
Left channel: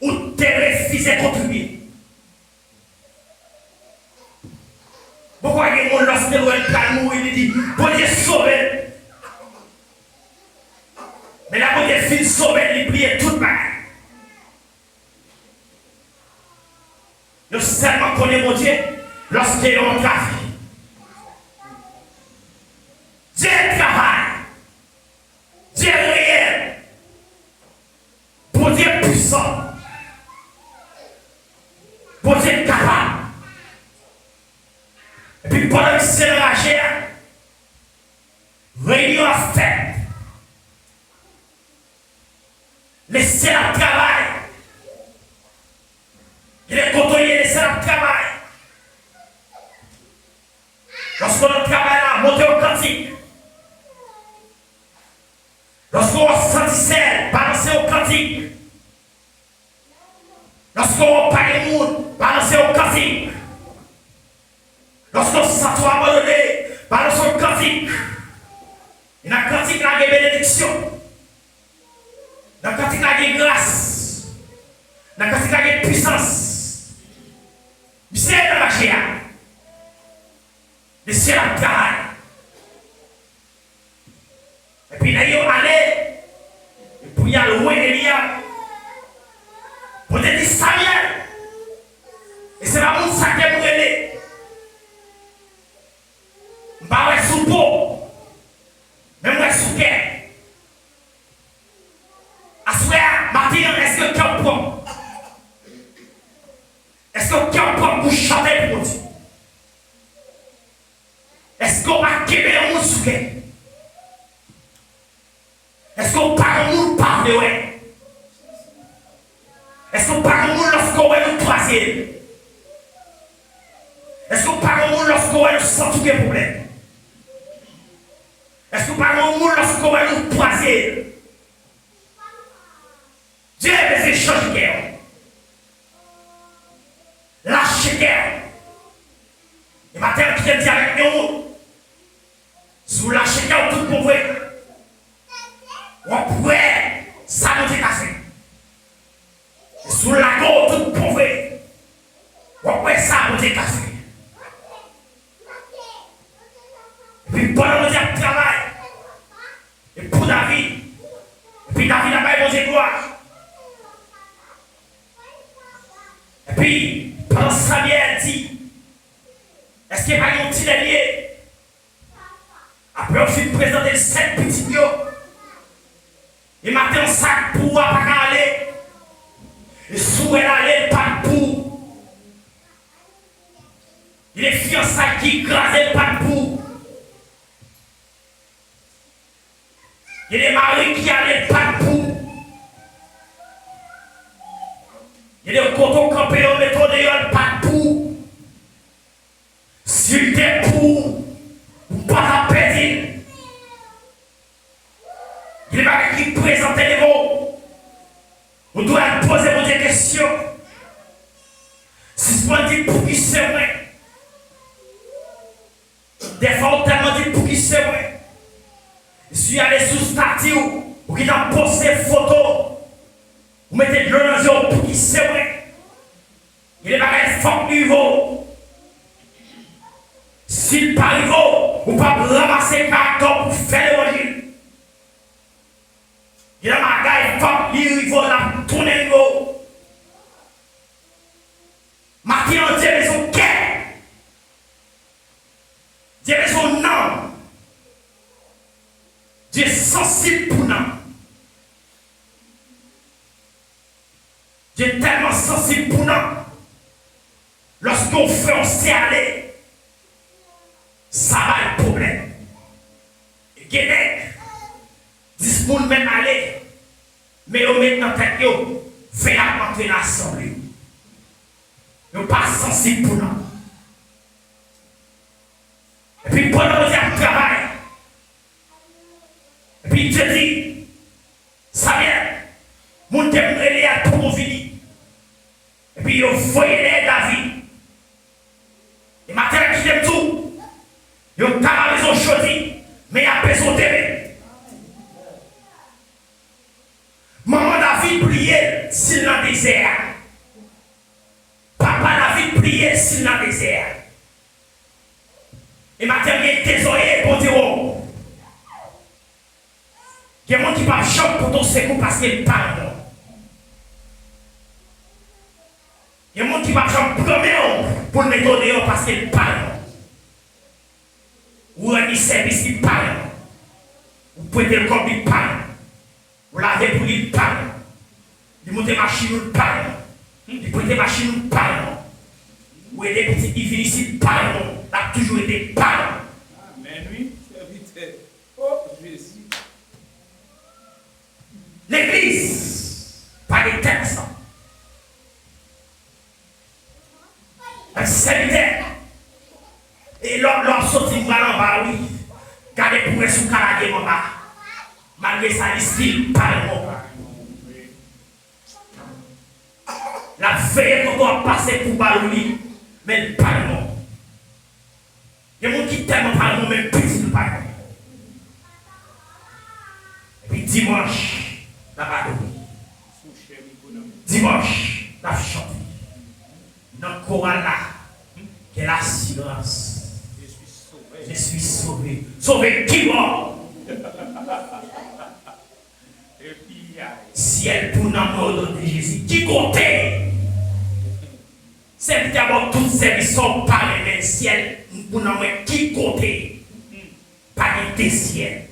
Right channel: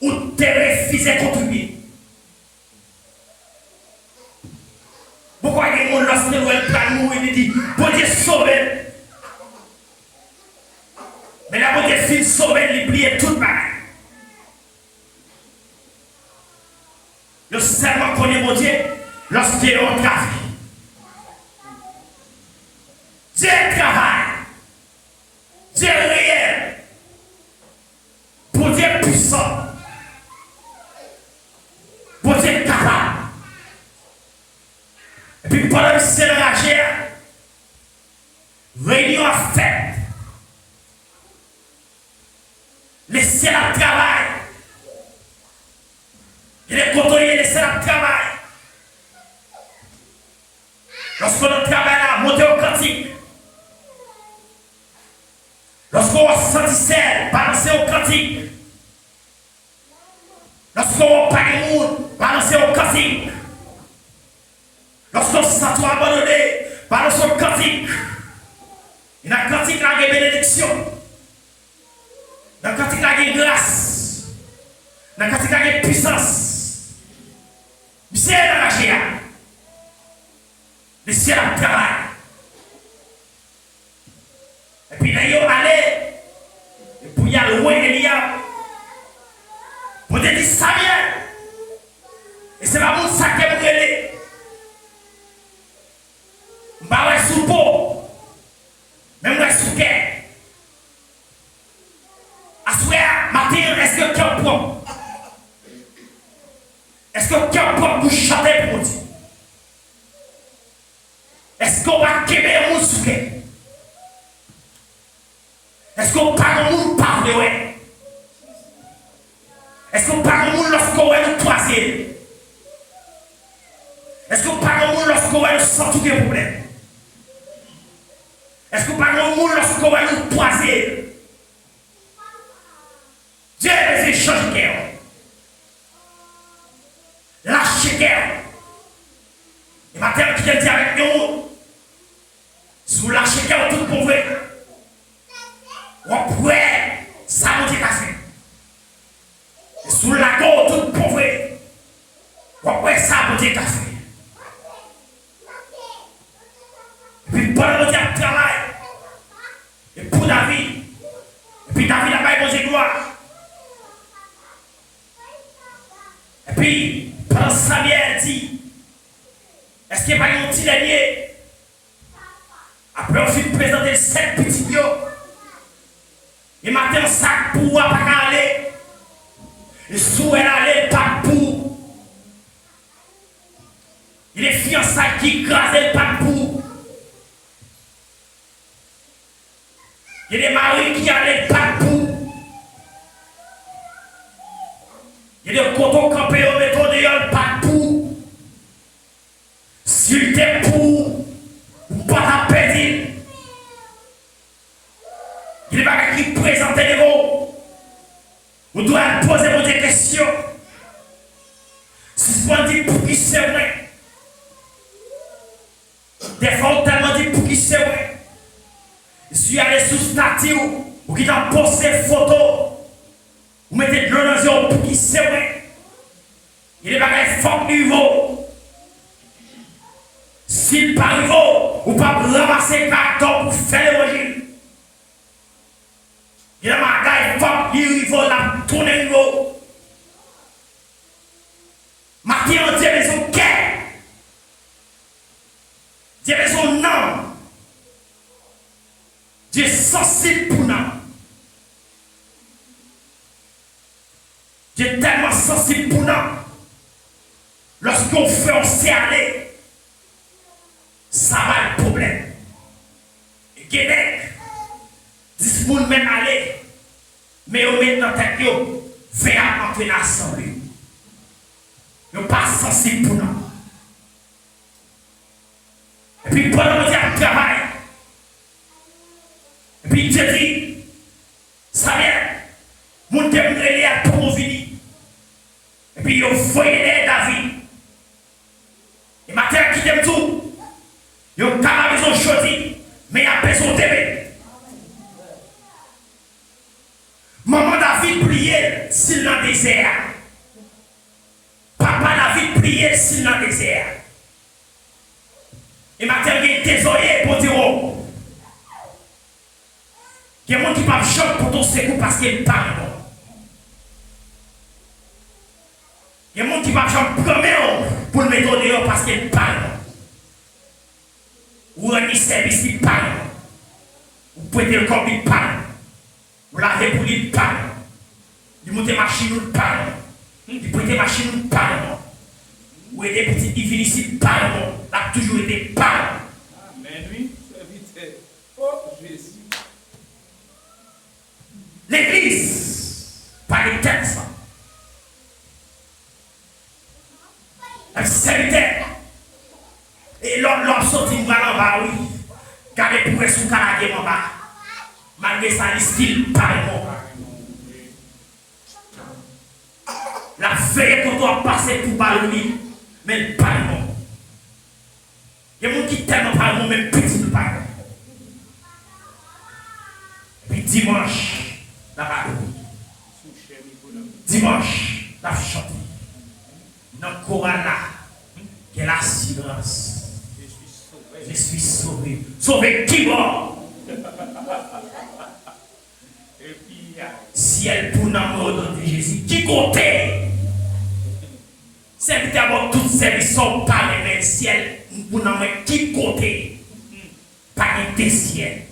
où t'es refusé de contribuer. Pourquoi il y a des gens lorsque l'on va mourir, il dit, bon Dieu sauve. Mais la bonne Dieu fin sauve, il oublie tout le mal. Nous seulement connaissons mon Dieu lorsqu'il est en travail. Dieu travaille. Dieu réel. Pour Dieu puissant. Pour Dieu capable. Et puis pendant que c'est enragé, réunion a fait. Laissez la travail. Il est contrôlé, laissez la travail. Lorsqu'on travaille là, montez au cantique. Lorsqu'on sentissait, balancez au cantique. Lorsqu'on parle de monde, balancez au cantique. Lorsqu'on se sent abandonné, balancez au cantique. Il y a un cantique là de bénédiction. Dans le cantique là de grâce. Dans le cantique là de puissance. Monsieur est dans la GA. Monsieur la travail. Et puis d'ailleurs, allez, et pour y aller loin, Elia, pour te dire ça vient. Et c'est pas mon sac qui est brûlé. Je ne vais pas sous peau, mais je vais sous cœur. À ce moment-là, Martin, est-ce que tu es bon? Est-ce que tu es bon pour chanter pour Dieu? Est-ce qu'on va quérir mon sous cœur? Est-ce qu'on parle de parle ouais? Est-ce qu'on parle de lorsqu'on est le troisième? Est-ce qu'on parle de lorsqu'on est le sans tout problème? Est-ce qu'on parle de lorsqu'on est le troisième? Dieu a besoin de changer de cœur. Lâchez cœur. Et maintenant, qui vient dire avec nous, si vous lâchez cœur, tout pour vous. On pourrait s'amuser cassé. Sous la gorge, tout pauvre. On pourrait s'amuser cassé. Et puis pendant le diable travail. Et pour David. Et puis David n'a pas posé gloire. Et puis pendant Samuel dit, est-ce qu'il n'y a pas un petit dernier? Après on s'est présenté 7 petits lions. Et maintenant, sac pour pas aller. Et sous elle allait pas pour. Il est fiançailles qui écrasent pas pour. Il est maris qui allaient pas pour. Il est coton campé au métro de pas pour. S'il était pour, pas la perdre. Il n'est pas qui présente les mots. On doit poser des questions. Si on dit pour qui c'est vrai. Des fois, on tellement dit pour qui c'est vrai. Je suis allé sous statut ou qui t'a posté photo. Vous mettez de l'eau dans les yeux pour qui c'est vrai. Il n'est pas un fort niveau. S'il n'est pas niveau, ou pas ramasser carton pour faire l'évangile. Il y a un gars qui va niveau là, tourner niveau. Martin, Dieu est son cœur. Dieu est son nom. Dieu est sensible pour nous. Dieu est tellement sensible pour nous. ton frère sait aller, ça va le problème. Et Guénec, 10 moun même aller, mais on met dans tête yo, fait à entrer dans l'assemblée. Yo pas sensible pour nous. Et puis pendant que nous travail, et puis Dieu dit, ça vient, mon témoin à tout vini. Et puis yo voyez David. Et matin qui t'aime tout, yo pas besoin de choisir, mais il a besoin d'aimer. Maman David priait s'il dans le désert. Papa David priait s'il dans le désert. Et maintenant, il y a des oreilles pour dire oh. Il y a des gens qui parlent choc pour ton secours parce qu'ils parlent. Il y a des gens qui parlent choc pour le mettre dehors parce qu'ils parlent. Ou un service, ils parlent. Ou prêter le corps, ils parlent. Ou laver pour ils parlent. Ils montent machine, ils parlent. Ils prêtent machine, ils parlent. Ou des petits qui finissent, ils parlent. A toujours été parlant. Amen, oui, serviteur. Oh, Jésus. L'église, pas les textes. Un serviteur. Et l'homme sorti en bas, oui. Gardez pour sous canadien en bas. Malgré ça, il style parlement. La veille quand on a passé pour ballonner, mais le parlement. Il y a des gens qui t'aiment par le même petit pareil. Et puis dimanche, la radio. Dimanche, la chante. Dans le chorale là, quelle assurance. Je suis sauvé. Sauvé qui mort? Et puis, Ciel pour l'amour de Jésus. Qui comptait? C'est d'abord toutes ces sont par le ciel. Pour nous qui comptait? Pas des ciels.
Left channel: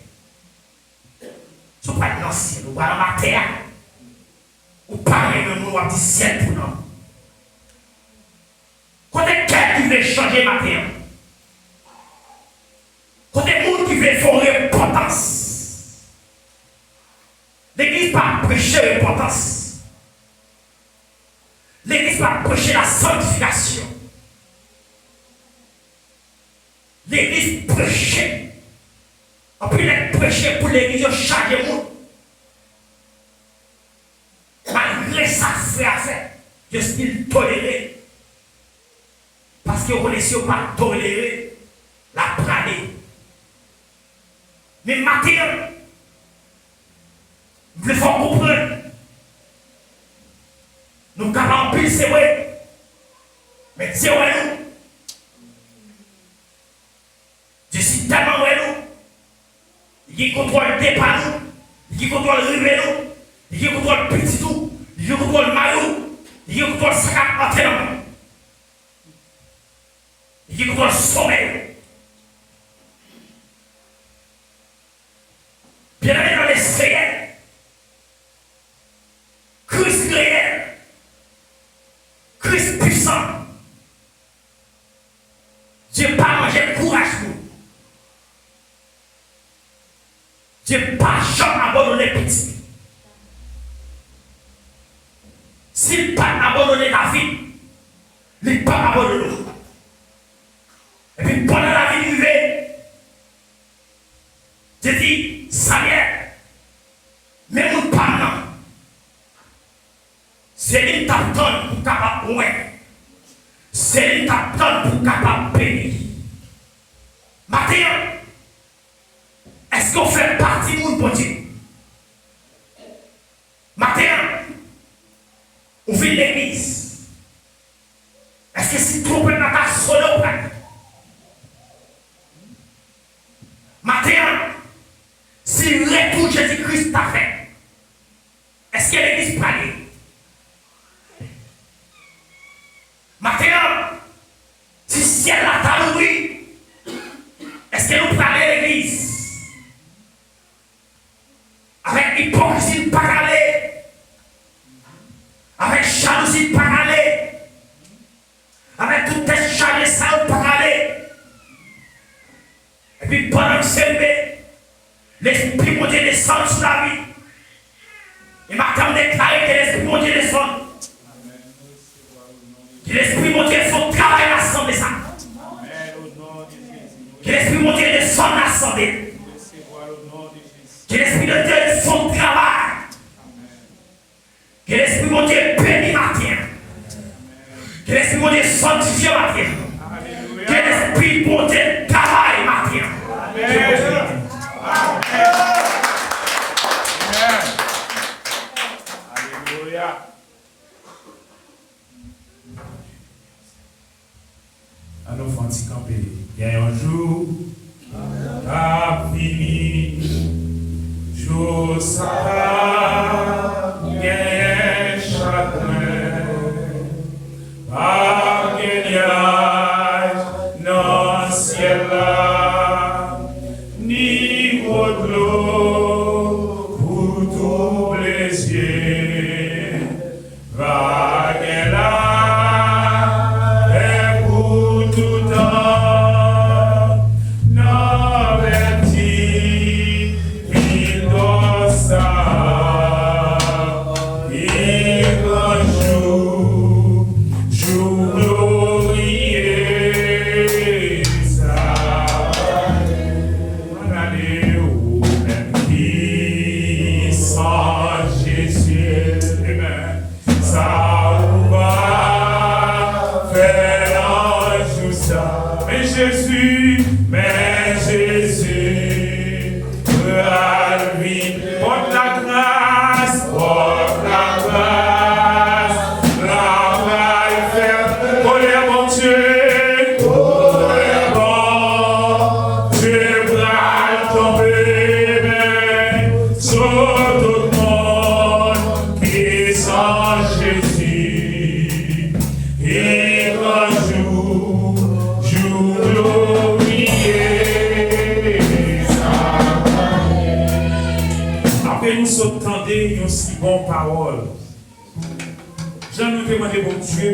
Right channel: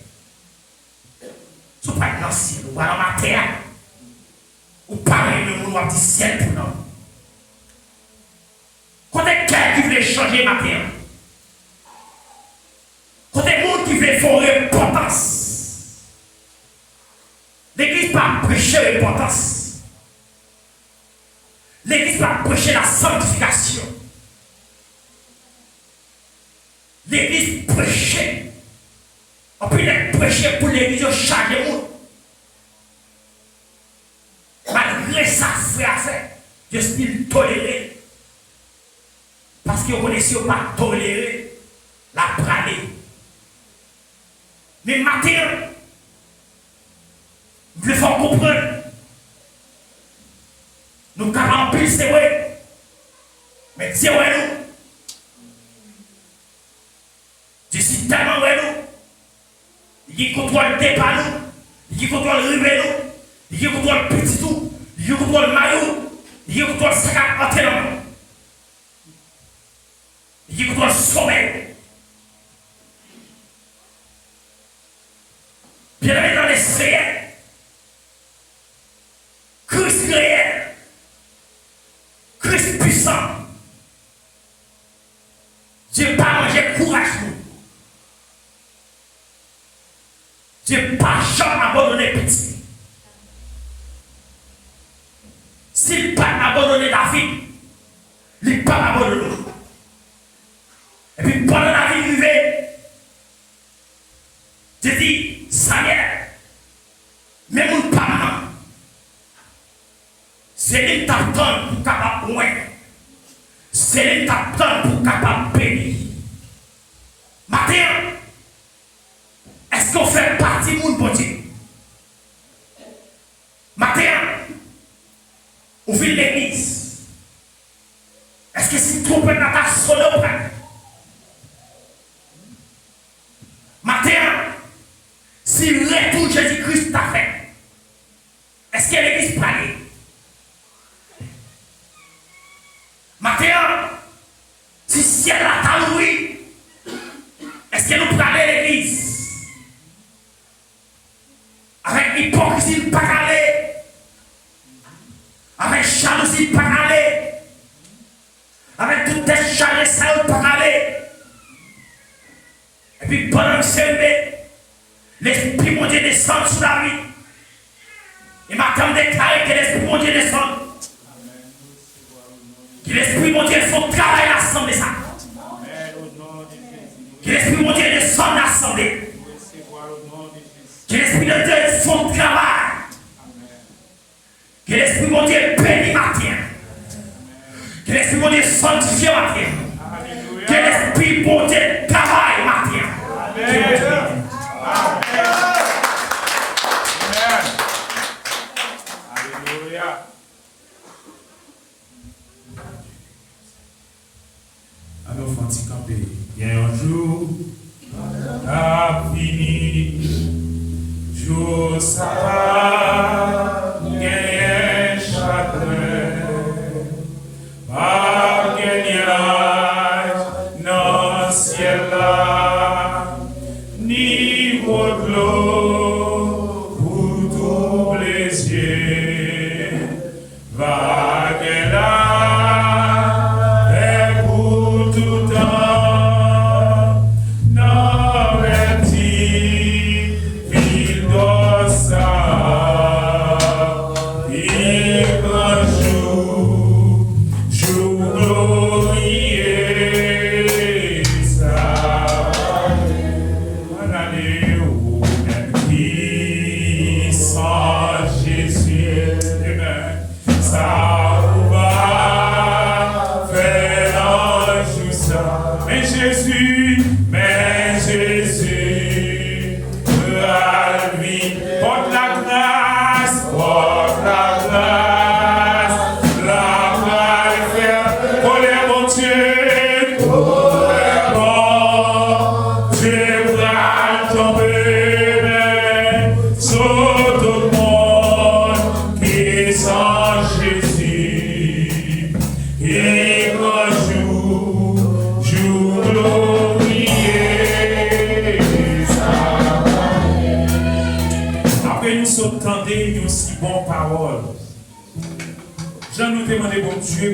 Ce n'est pas dans le ciel, ou pas dans la terre. Ou pas dans le ciel pour nous. Quand quelqu'un qui veut changer ma terre, quand il y a des gens qui veulent faire repentance, l'église pas prêcher repentance. L'église pas prêcher la sanctification. L'église prêchait. En plus, elle prêchait pour l'église chaque monde. Malgré ça, frère, je suis toléré. Parce que vous connaissez pas tolérer la praler. Mais maintenant, vous devez comprendre. Nous avons pile, c'est vrai. Mais c'est vrai, nous. Je suis tellement vrai, nous. Il contrôle le départ, nous. Il contrôle le rivet, nous. Il contrôle le petit tout. Il contrôle le maillot. Il contrôle le sac à entraînement. Il contrôle le sommeil. Bien aimé dans les réels. Christ réel. Christ puissant. Dieu pas mangé courage pour. Dieu pas jamais abandonné petit. S'il pas abandonné David, il pas abandonné. Et puis pendant la vie vivait, je dis, Samuel, même mon parent, c'est une t'attend pour capable de c'est une t'attend pour capable de bénir. Maintenant, est-ce qu'on fait partie de mon bon Dieu? Maintenant, on vit l'église. Est-ce que si trop dans ta solo maintenant, si le retour Jésus-Christ t'a fait, est-ce que l'église parle? Maintenant, si ciel a t'a loué, est-ce que nous parlons l'église? Avec hypocrisie de parler, avec jalousie de parler, avec avec toute tête chargée, ça ne peut pas aller. Et puis pendant que c'est levé, l'Esprit mon Dieu descend sur la vie. Et maintenant déclare que l'Esprit mon Dieu descend. Que l'Esprit mon Dieu son travail à l'assemblée ça. Que l'Esprit mon Dieu descend à l'assemblée. Que l'Esprit de Dieu son travail. Que l'Esprit mon Dieu bénit matin. Que l'Esprit mon Dieu sanctifie matin. Que l'Esprit mon Dieu travaille matin. Amen. Alléluia. Alors, Francis Campé, il y a un jour, à fini, jour ça, il y a un chagrin, par gagnage, dans le ciel là, niveau de l'eau, pour tous les yeux, va là.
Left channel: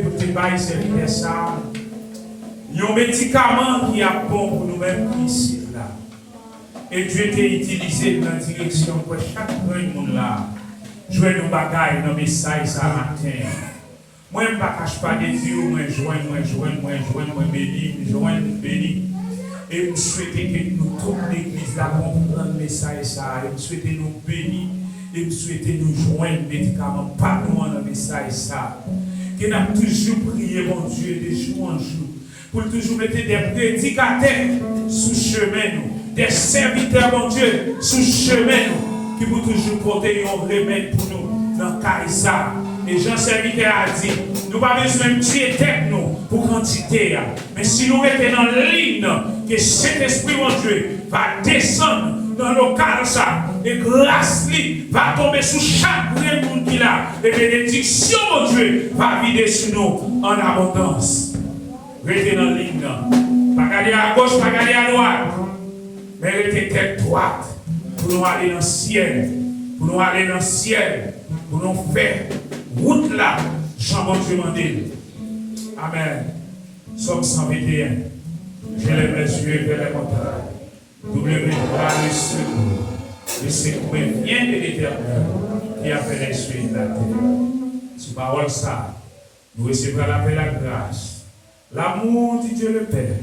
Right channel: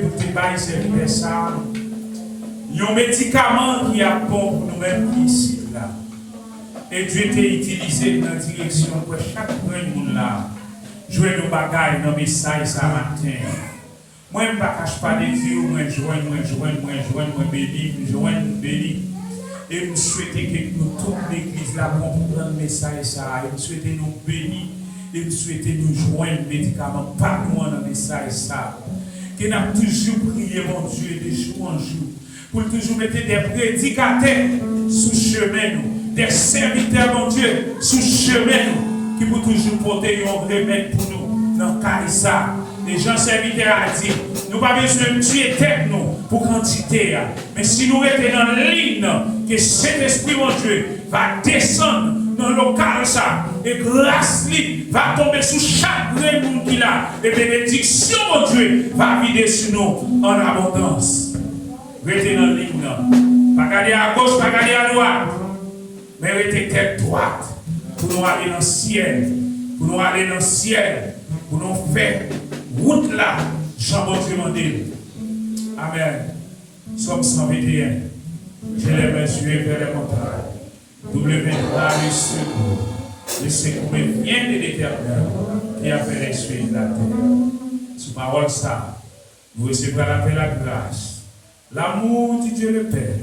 Pour te bailler servir ça. Il y a un médicament qui a bon pour nous-mêmes ici là. Et Dieu t'a utilisé dans la direction pour chaque monde là. Jouer nos bagailles dans le message ça matin. Moi, je ne cache pas des yeux, moi, je béni. Et je souhaite que nous, toute l'église là, comprendre le message ça. Et je souhaite nous bénir. Et je souhaite nous joindre médicaments par nous dans le message ça. Que nous avons toujours prié, mon Dieu, de jour en jour, pour toujours mettre des prédicateurs sous chemin, des serviteurs, mon Dieu, sous chemin, qui pour toujours porter un remède pour nous dans le cas. Les gens serviteurs a dit, nous n'avons pas besoin de tuer tête nous pour quantité, mais si nous étions dans la ligne, que cet esprit, mon Dieu, va descendre dans le local ça, et grâce va tomber sur chaque monde qui a, et bénédiction, mon Dieu, va vider sur nous en abondance. Restez dans la ligne, pas regarder à gauche, pas regarder à droite, mais restez tête droite pour nous aller dans le ciel, pour nous aller dans le ciel, pour nous faire route là, Jean-Bon Dieu mandé. Amen. Somme 121. Je les yeux vers les montagnes. W.A. le secours vient de l'Éternel qui a fait les cieux et la terre. Sous parole ça, nous recevons la grâce, l'amour de Dieu le Père,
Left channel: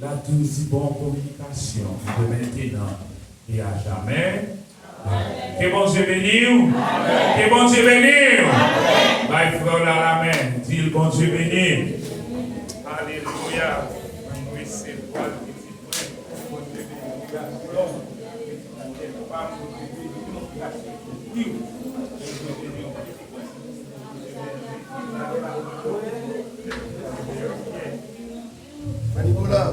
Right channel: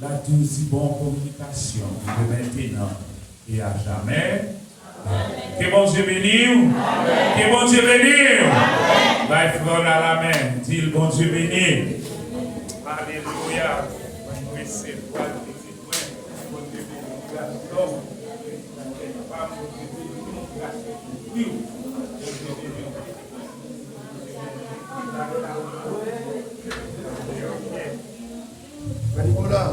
la douce et bonne communication de maintenant et à jamais. Que bon Dieu bénisse. Que bon Dieu bénisse. Va frère dans la main. Dis le bon Dieu bénisse. Alléluia. Nicolas,